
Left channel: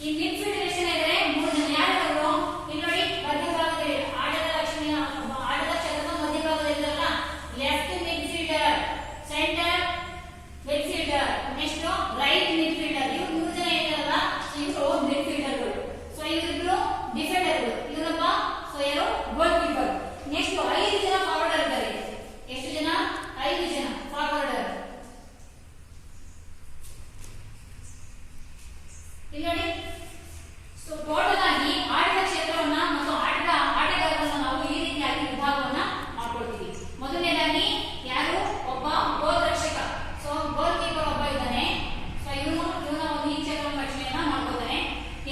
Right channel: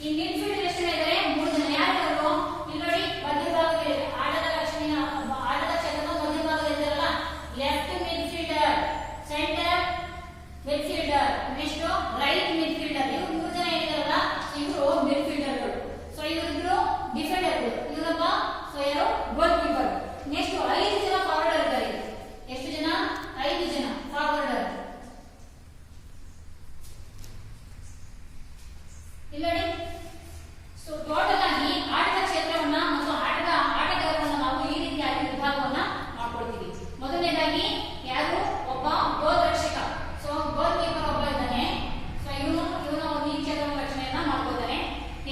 ಈ ಮಿಡ್ಫೀಲ್ಡ್ ಎಷ್ಟು ಜನ ಇದ್ದಾರೆ? 3 ಜನ. ಯಾರು? ಇಲ್ಲಿ ನೋಡಿ ಮಧ್ಯಭಾಗದಲ್ಲಿ ಆಟದ ಲಕ್ಷಣ ಆಟದ ಕ್ಷೇತ್ರದ ಮಧ್ಯಭಾಗದಲ್ಲಿ ಇದ್ದಾರಲ್ಲ, left midfielder, centre midfielder, next right midfielder. ಇವರು 3 ಜನ ಇದ್ದಾರಲ್ಲ, ಇವರು ಮಿಡ್ಫೀಲ್ಡರ್ಗಳು. ಸೊ ಇವರಿಬ್ರು ಡಿಫೆಂಡರ್ಗಳು. ಇವರಪ್ಪ ಸೊ ಯಾರು? ಗೋಲ್ ಕೀಪರ್. ನೆಕ್ಸ್ಟ್ 5 ಜನ ಫಾರ್ವರ್ಡರ್ ಇದ್ದಾರೆ. ಎಷ್ಟು ಜನ? 5 ಜನ ಫಾರ್ವರ್ಡರ್. ಇಲ್ಲಿ ನೋಡಿ, ಸೊ ಟೋಟಲ್ ಆಗಿ ಆಟದ ಕ್ಷೇತ್ರವನ್ನ ಮತ್ತು ಆಟಗಾರರನ್ನ ನಾವು ಈ ರೀತಿಯಾಗಿ ವಿಭಾಗವನ್ನ ಮಾಡ್ಕೊಳ್ತೀವಿ. ಮೊದಲನೇದಾಗಿ ಯಾರು? ಒಬ್ಬ ಗೋಲ್ ರಕ್ಷಕ. ಸೊ ಗೋಲ್ ಕೀಪರ್ ಒಬ್ಬ ಇದ್ದಾನೆ. ಸೊ ಇವನು ಈ ಕ್ಷೇತ್ರದ ರಕ್ಷಣೆಯನ್ನ ಮಾಡ್ಕೊಳ್ತಾನೆ.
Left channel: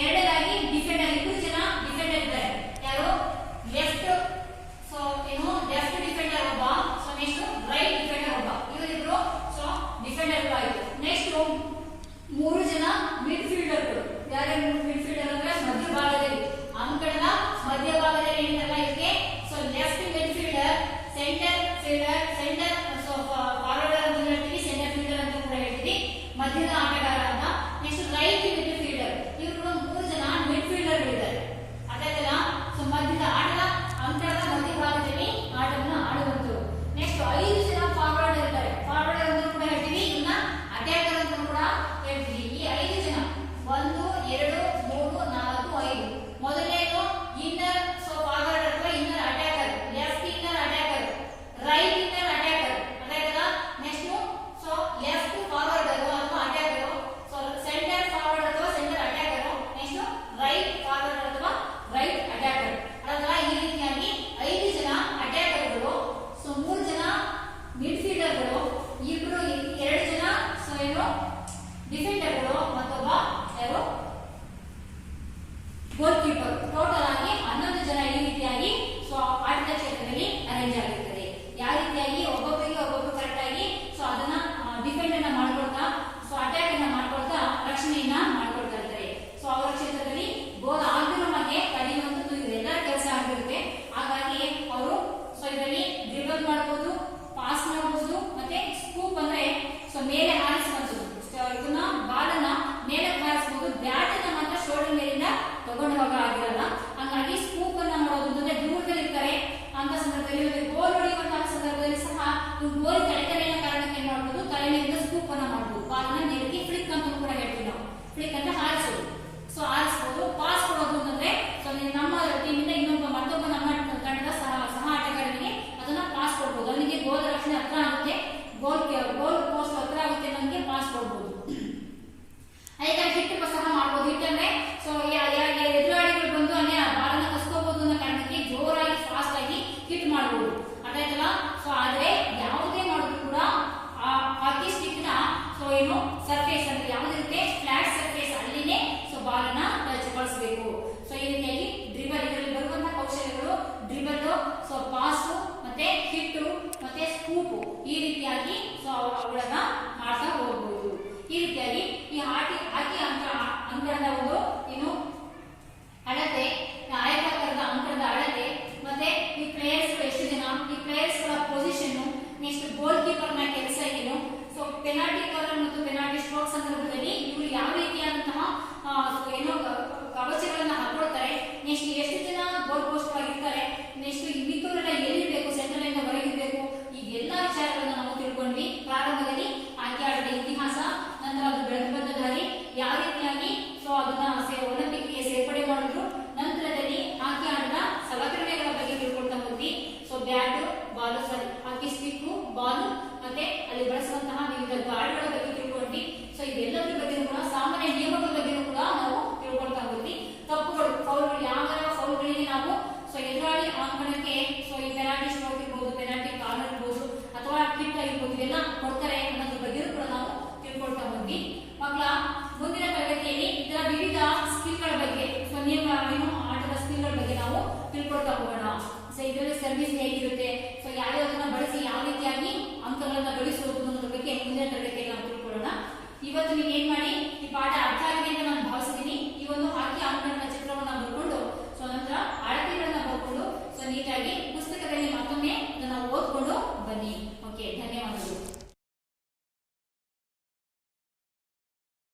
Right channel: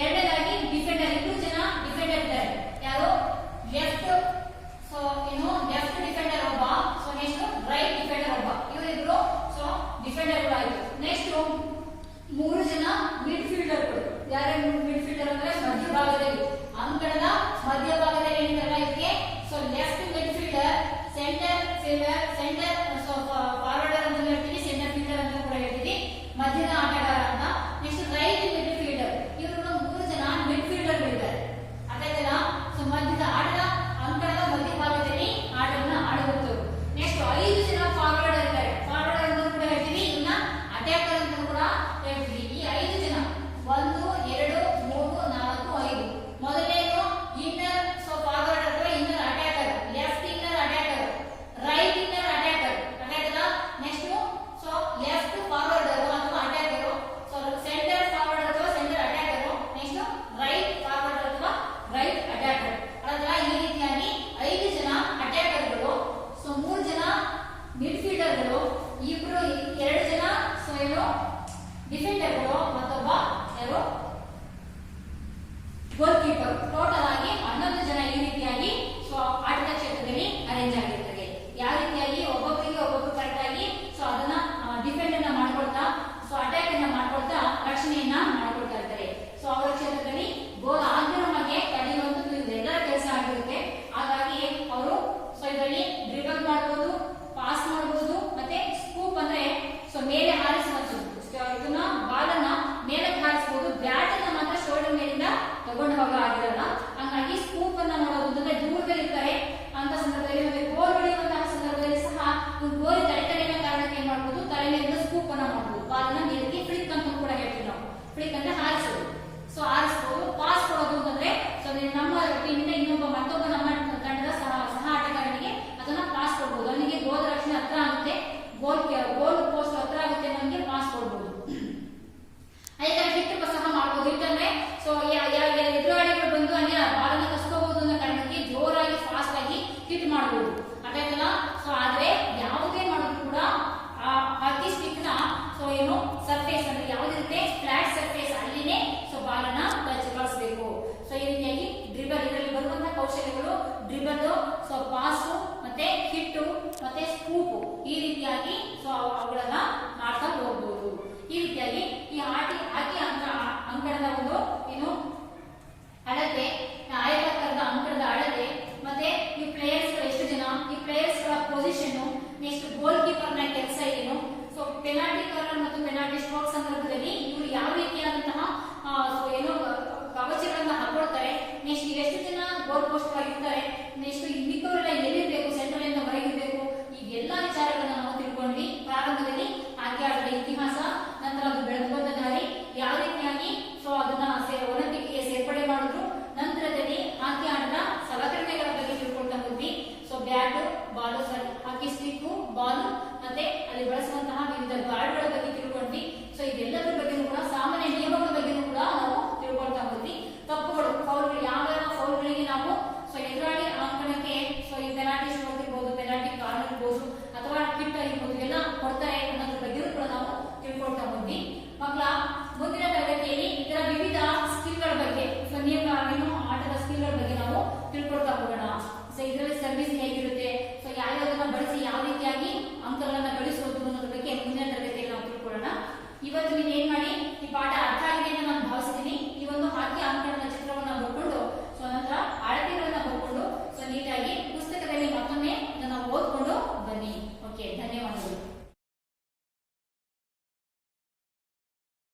ಎರಡನೇದಾಗಿ ಡಿಫೆಂಡರ್. 2 ಜನ ಡಿಫೆಂಡರ್ ಇದ್ದಾರೆ. ಯಾರು? ಲೆಫ್ಟ್, ಸೊ ಲೆಫ್ಟ್ ಡಿಫೆಂಡರ್ ಒಬ್ಬ. ಸೊ ನೆಕ್ಸ್ಟ್ ರೈಟ್ ಡಿಫೆಂಡರ್ ಒಬ್ಬ. ಇವರಿಬ್ರು ಸೊ ಡಿಫೆಂಡರ್ ಆಯಿತು. ನೆಕ್ಸ್ಟ್ 3 ಜನ ಮಿಡ್ಫೀಲ್ಡರ್ಗಳು. ಯಾರು ಮಿಡ್ಫೀಲ್ಡರ್ ಅಂದ್ರೆ ಮಧ್ಯಭಾಗದಲ್ಲಿ, ಅಂಕಣದ ಮಧ್ಯಭಾಗದಲ್ಲಿ ಏನಿರಲ್ಲ ಇದಕ್ಕೆ. So left midfielder, centre fielder, centre so forwarder ಅಂತ ಹೇಳ್ತೀವಿ, ಸೆಂಟರ್ ಫೀಲ್ಡರ್ ಅಂತ ಕೂಡ ಹೇಳ್ತೀವಿ, ಮಧ್ಯದ ಆಟಗಾರ ಅಂತ. Next right midfielder. ಇವರು 3 ಜನ ಮಿಡ್ಫೀಲ್ಡರ್ಗಳಿದ್ದಾರೆ. ಅದಾಯ್ತಲ್ಲ. ಸೊ ಮಧ್ಯದ ಆಟದ ಅಂಕಣದ ಮಧ್ಯಭಾಗದಲ್ಲಿ ಆಟವನ್ನು ಆಡುವಂತರು. ನೆಕ್ಸ್ಟ್ 5 ಜನ ಫಾರ್ವರ್ಡರ್ ಇದ್ದಾರೆ. ಫಾರ್ವರ್ಡರ್ ಅಂತ ಕೂಡ ಹೇಳ್ತೀವಿ, ಇವನ್ನ ಅಟ್ಯಾಕರ್ ಅಂತ ಕೂಡ ಹೇಳ್ತೀವಿ. ಈ 5 ಜನ 1 2 3 4 5. ಮೊದಲನೇದು ಇನ್ನರ್, ಸೊ ಫಾರ್ವರ್ಡ್ ಅಥವಾ inner attacker, left inner attacker, right inner attacker. Attacker next so left forwarder ಅಥವಾ ಅಟ್ಯಾಕರ್, ಸೊ ಸೆಂಟರ್ ಫಾರ್ವರ್ಡ್ ಅಥವಾ centre attacker, next right forward ಅಥವಾ ರೈಟ್ ಅಟ್ಯಾಕರ್. ಅದಲ್ಲ ಈ ರೀತಿಯಾಗಿ 5 ಜನ ಅಟ್ಯಾಕರ್ಗಳು, ಸೊ 3 ಜನ ಮಿಡ್ಫೀಲ್ಡರ್ಗಳು, 2 ಜನ ಸೊ ಡಿಫೆಂಡರ್ಗಳು, ಮತ್ತೊಬ್ಬ ಯಾರು? ಗೋಲ್ ಕೀಪರ್. ಟೋಟಲ್ ಆಗಿ 11 ಜನ ಈ ರೀತಿಯಾಗಿ ಸೊ ಆಟದ ಕ್ಷೇತ್ರದಲ್ಲಿ ಅರೇಂಜ್ ಆಗಿರ್ತಾರೆ. ಯಾವ ರೀತಿಯಾಗಿ ಒಬ್ಬೊಬ್ಬರಿಗೆ ಒಬ್ಬೊಬ್ರು ಕರೆಕ್ಟ್ ಆಗಿ ಸೊ ಅದನ್ನ ಡಿಫೆಂಡ್ ಅನ್ನ ಮಾಡ್ಕೊಳ್ತಾ, ಸೊ ಅಟ್ಯಾಕ್ ಅನ್ನ ಮಾಡ್ಕೊಳ್ತಾ ರಕ್ಷಣೆಯನ್ನ ಮಾಡ್ಕೊಳ್ತಾ ಇರ್ತಾರೆ. ಸೊ ಅವರ ಕ್ಷೇತ್ರದಲ್ಲಿ ಗೋಲ್ ಆಗಿರೋ ಹಾಗೆ ತಡೆಯುವಂತದ್ದು ಇದೆಲ್ಲರ ಕೆಲಸ ಆಗಿರುತ್ತೆ. ಹಾಗಾಗಿ ಅವರು ಸೊ ಇದರಲ್ಲಿ ಡ್ರಿಬಲ್ ಮಾಡಬಹುದು, ಪಾಸ್ ಮಾಡಬಹುದು, ಮತ್ತೆ ಸ್ಕೂಪ್ ಅಂದ್ರೆ ಸೊ ಮೇಲೆ ಹಾರಿಸುವಂತದ್ದು. ಇದನ್ನ ಬಾಲನ್ನ ಮೇಲಕ್ಕೆ ಹಾರಿಸಬಹುದು. ಬ್ಯಾಟ್ ಅನ್ನ ಮಾತ್ರ ಶೋಲ್ಡರ್ ಮೇಲಿಂದ ತಗೊಂಡು ಹೋಗೋ ಆಗಿರಲ್ಲ. ಹಂಗಾಗಿ ಸ್ಕೂಪ್ ಅನ್ನ ಮಾಡೋದು ಅಂತಂದ್ರೆ ದೂರದಲ್ಲಿ ಇರ್ತಾರೆ ಅಂತ ಸಂದರ್ಭದಲ್ಲಿ, ನಮಗೆ ಗೋಲ್ ಹೊಡೆಯುವಂತಹ ಸಂದರ್ಭದಲ್ಲಿ ಸಹ ಗೋಲ್ ತಡೆತಡೆಯ ಕಾರಣಕ್ಕೆ ಏನ್ ಮಾಡಬಹುದು? ತಲೆ ಮೇಲಿಂದ ಸ್ಕೂಪ್ ಅನ್ನ ಮಾಡಬಹುದು. ಬಾಲನ್ನ ನೇರಕ್ಕೆ ಫ್ಲಿಕ್ ಅಂತ ಕೂಡ ಹೇಳ್ತೀವಿ ನಾವು. ಫ್ಲಿಕ್ ಅಂತ ಹಾರಿಸೋದು. ಸೊ ಹಾರಿಸಬಹುದು. ಪಾಸ್ ಕೊಡೋದು ಅಂತಂದ್ರೆ ಸೊ ನಮ್ಮ ಟೀಮಿಂದ ಮತ್ತೊಬ್ಬ ನಮ್ಮ ತಂಡದ ಸಹ ಆಟಗಾರನಿಗೆ ಅದನ್ನ ಪಾಸ್ ಕೊಡಬಹುದು. ಅವನಿಗೆ ಗೋಲ್ ರಕ್ಷಣೆ ಹತ್ರ ಆಗುತ್ತೆ, ಗೋಲ್ ಪೋಸ್ಟ್ ಹತ್ರ ಆಗುತ್ತೆ, ನಮಗೆ ಪಾಸ್ ಕೊಡಬಹುದು. ಅದಕ್ಕೆ ಹಿಟ್ ಸಹ ಮಾಡಬಹುದು. ಹಿಟ್ಟಂದ್ರೆ ಸೊ ಎದುರಾಳಿಗಳು ಬಂದು ಅಲ್ಲಿ ಬಾಲನ್ನ ಕಸ್ಕೋಬಹುದು ಅನ್ನೋ ಕಾರಣಕ್ಕೆ ಜೋರಾಗಿ ಫಾಸ್ಟ್ ಆಗಿ ಹಿಟ್ ಮಾಡಬಹುದು. ಅದಾಯ್ತಲ್ಲ. ಸೊ ಆದ್ರೆ ಯಾವುದೇ ಮಾಡಿದ್ರು ಕೂಡ ಆ ಹಾಕಿ ಸ್ಟಿಕ್ ನ ಸೊ ಸರ್ಫೇಸ್ ಅಂದ್ರೆ ಯಾವ್ದಿರುತ್ತೆ, ಫ್ಲಾಟ್ ಸರ್ಫೇಸ್, ಅಲ್ಲಿನೇ ಸೊ ಬಾಲನ್ನ ಕಳಿಸಬೇಕು. ಸೊ ಈ ರೀತಿಯಾಗಿ ಡ್ರಿಬಲ್, ಇದರಲ್ಲಿ ಬರುವಂತಹ ಕೌಶಲ್ಯಗಳು ಡ್ರಿಬಲ್, ಸೊ ಪಾಸ್, ಮತ್ತೆ ಹಿಟ್ಟು, ಮತ್ತೆ ಸ್ಕೂಪ್, ಈ ರೀತಿಯಾಗಿ ಸೊ ಅವುಗಳನ್ನ ಮಾಡ್ತಾ ಹೋಗಬಹುದು. ಈ ರೀತಿಯಾಗಿ ಈ ಹಾಕಿ ಅಂಕಣದ ಒಂದು ಅಳತೆ, ಆಯತಾಕಾರದ ಅಂಕಣದ ಅಳತೆ, ಮತ್ತೆ ಈ ಪ್ಲೇಯರ್ಸ್ ಎಷ್ಟು ಜನ, ಈ ಪ್ಲೇಯರ್ಸ್ ಗಳ ಪೊಸಿಷನ್, ನೆಕ್ಸ್ಟ್ ಗೋಲ್ ಕೀಪರ್ ನ ಕೆಲಸ ಏನು, ಸೊ ಪೆನಾಲ್ಟಿ ಕಾರ್ನರ್ ಮತ್ತು ಪೆನಾಲ್ಟಿ ಸ್ಟ್ರೋಕ್ ಸಂದರ್ಭದಲ್ಲಿ ಇವರು ಯಾವ ರೀತಿಯಾದಂತಹ ಕವಚಗಳನ್ನ ಹಾಕೊಳ್ತಾರೆ, ನೆಕ್ಸ್ಟ್ ಎಷ್ಟು ಜನ ಗೋಲ್ ಪೋಸ್ಟ್ ಆಗಿರ್ತಾರೆ, ನೆಕ್ಸ್ಟ್ ಮಿಕ್ಕವರೆಲ್ಲ ಎಲ್ಲಿರ್ಬೇಕು, ಸೆಂಟ್ರಲ್ ಇಂದ ಹೊರಗಿರ್ಬೇಕು, ಈ ಎಲ್ಲಾ ವಿಚಾರಗಳನ್ನ ನಾವು ತಿಳ್ಕೊಂಡ್ವಿ. ಪ್ರಾರಂಭದಲ್ಲಿ ಆಯ್ಕೆ ಆಟದ ಇತಿಹಾಸ, ನಂತರ ಅದು ಬೆಳೆದು ಬಂದ ದಾರಿ, ಯಾವ ರೀತಿಯಾಗಿ ಸೊ ಅದನ್ನ ಒಲಿಂಪಿಕ್ ಗೆ ಸೇರ್ಪಡೆ ಮಾಡಿದ್ರು, ನಂತರದಲ್ಲಿ ಹಾಕಿ ಆಟದ ಸಲಕರಣೆಗಳ ಬಗ್ಗೆ ತಿಳ್ಕೊಳ್ತಾ ಹೋದ್ವಿ. ಸೊ ಬ್ಯಾಟ್, ಬಾಲು, ಹಾಕಿ ಸ್ಟಿಕ್, ಬಾಲ್, ಮತ್ತೆ ಅಲ್ಲಿ ಬಳಸುವಂತಹ ವಿವಿಧ ಗಾರ್ಡ್ಗಳ ಬಗ್ಗೆ ತಿಳ್ಕೊಂಡ್ವಿ. ಸೊ ಇದೆಲ್ಲದರ ಬಗ್ಗೆ ಕೂಡ ಸಾಮಾನ್ಯ ನಿಯಮಗಳ ಬಗ್ಗೆ ಕೂಡ ನಾವು ತಿಳ್ಕೊಳ್ತಾ ಹೋದ್ವಿ. ತಪ್ಪುಗಳು, ಫೌಲ್ಗಳು, ಯಾವ ಫೌಲ್ಗಳಿಗೆ ನಾವು ಸೊ ಎದುರಾಳಿ ಅಂಕಣಕ್ಕೆ ಸೊ ಈ ಪೆನಾಲ್ಟಿ ಸ್ಟ್ರೋಕ್ ಇರ್ಬೋದು, ಪೆನಾಲ್ಟಿ ಕಾರ್ನರ್ ಇರ್ಬೋದು, ಅಥವಾ ಕಿಟ್ ಆಗಿರ್ಬೋದು, ಇವೆಲ್ಲ ಕೊಡ್ತಾರೆ ಅನ್ನೋದ್ರ ಬಗ್ಗೆ ಕೂಡ ನಾವು ತಿಳ್ಕೊಳ್ತಾ ಹೋದ್ವಿ. ಮಕ್ಕಳ ಮುಂದಿನ ತರಗತಿಯಲ್ಲಿ ಇದರ ವಿವಿಧ ಸ್ಕಿಲ್ಗಳ ಬಗ್ಗೆ, ಸೊ ಆಟದ ಸ್ಕಿಲ್ಗಳ ಬಗ್ಗೆ ನಾವು ತಿಳ್ಕೊಳ್ತಾ ಹೋಗೋಣ. ಸೊ ಇದರಲ್ಲಿ ಸರ್ವಿಸ್ ಹೇಗಿರುತ್ತೆ, ಸೊ ಯಾವ್ಯಾವುದನ್ನ ಬಳಸಿ ಯಾವ ರೀತಿಯಾಗಿ ಅಂಕಗಳನ್ನ ಗಳಿಸೋದು ಅನ್ನೋದ್ರ ಬಗ್ಗೆ ಮುಂದಿನ ತರಗತಿಯಲ್ಲಿ ನಾವು ತಿಳ್ಕೊಳ್ಳೋಣ. ಇವತ್ತು ನಿಮಗೆ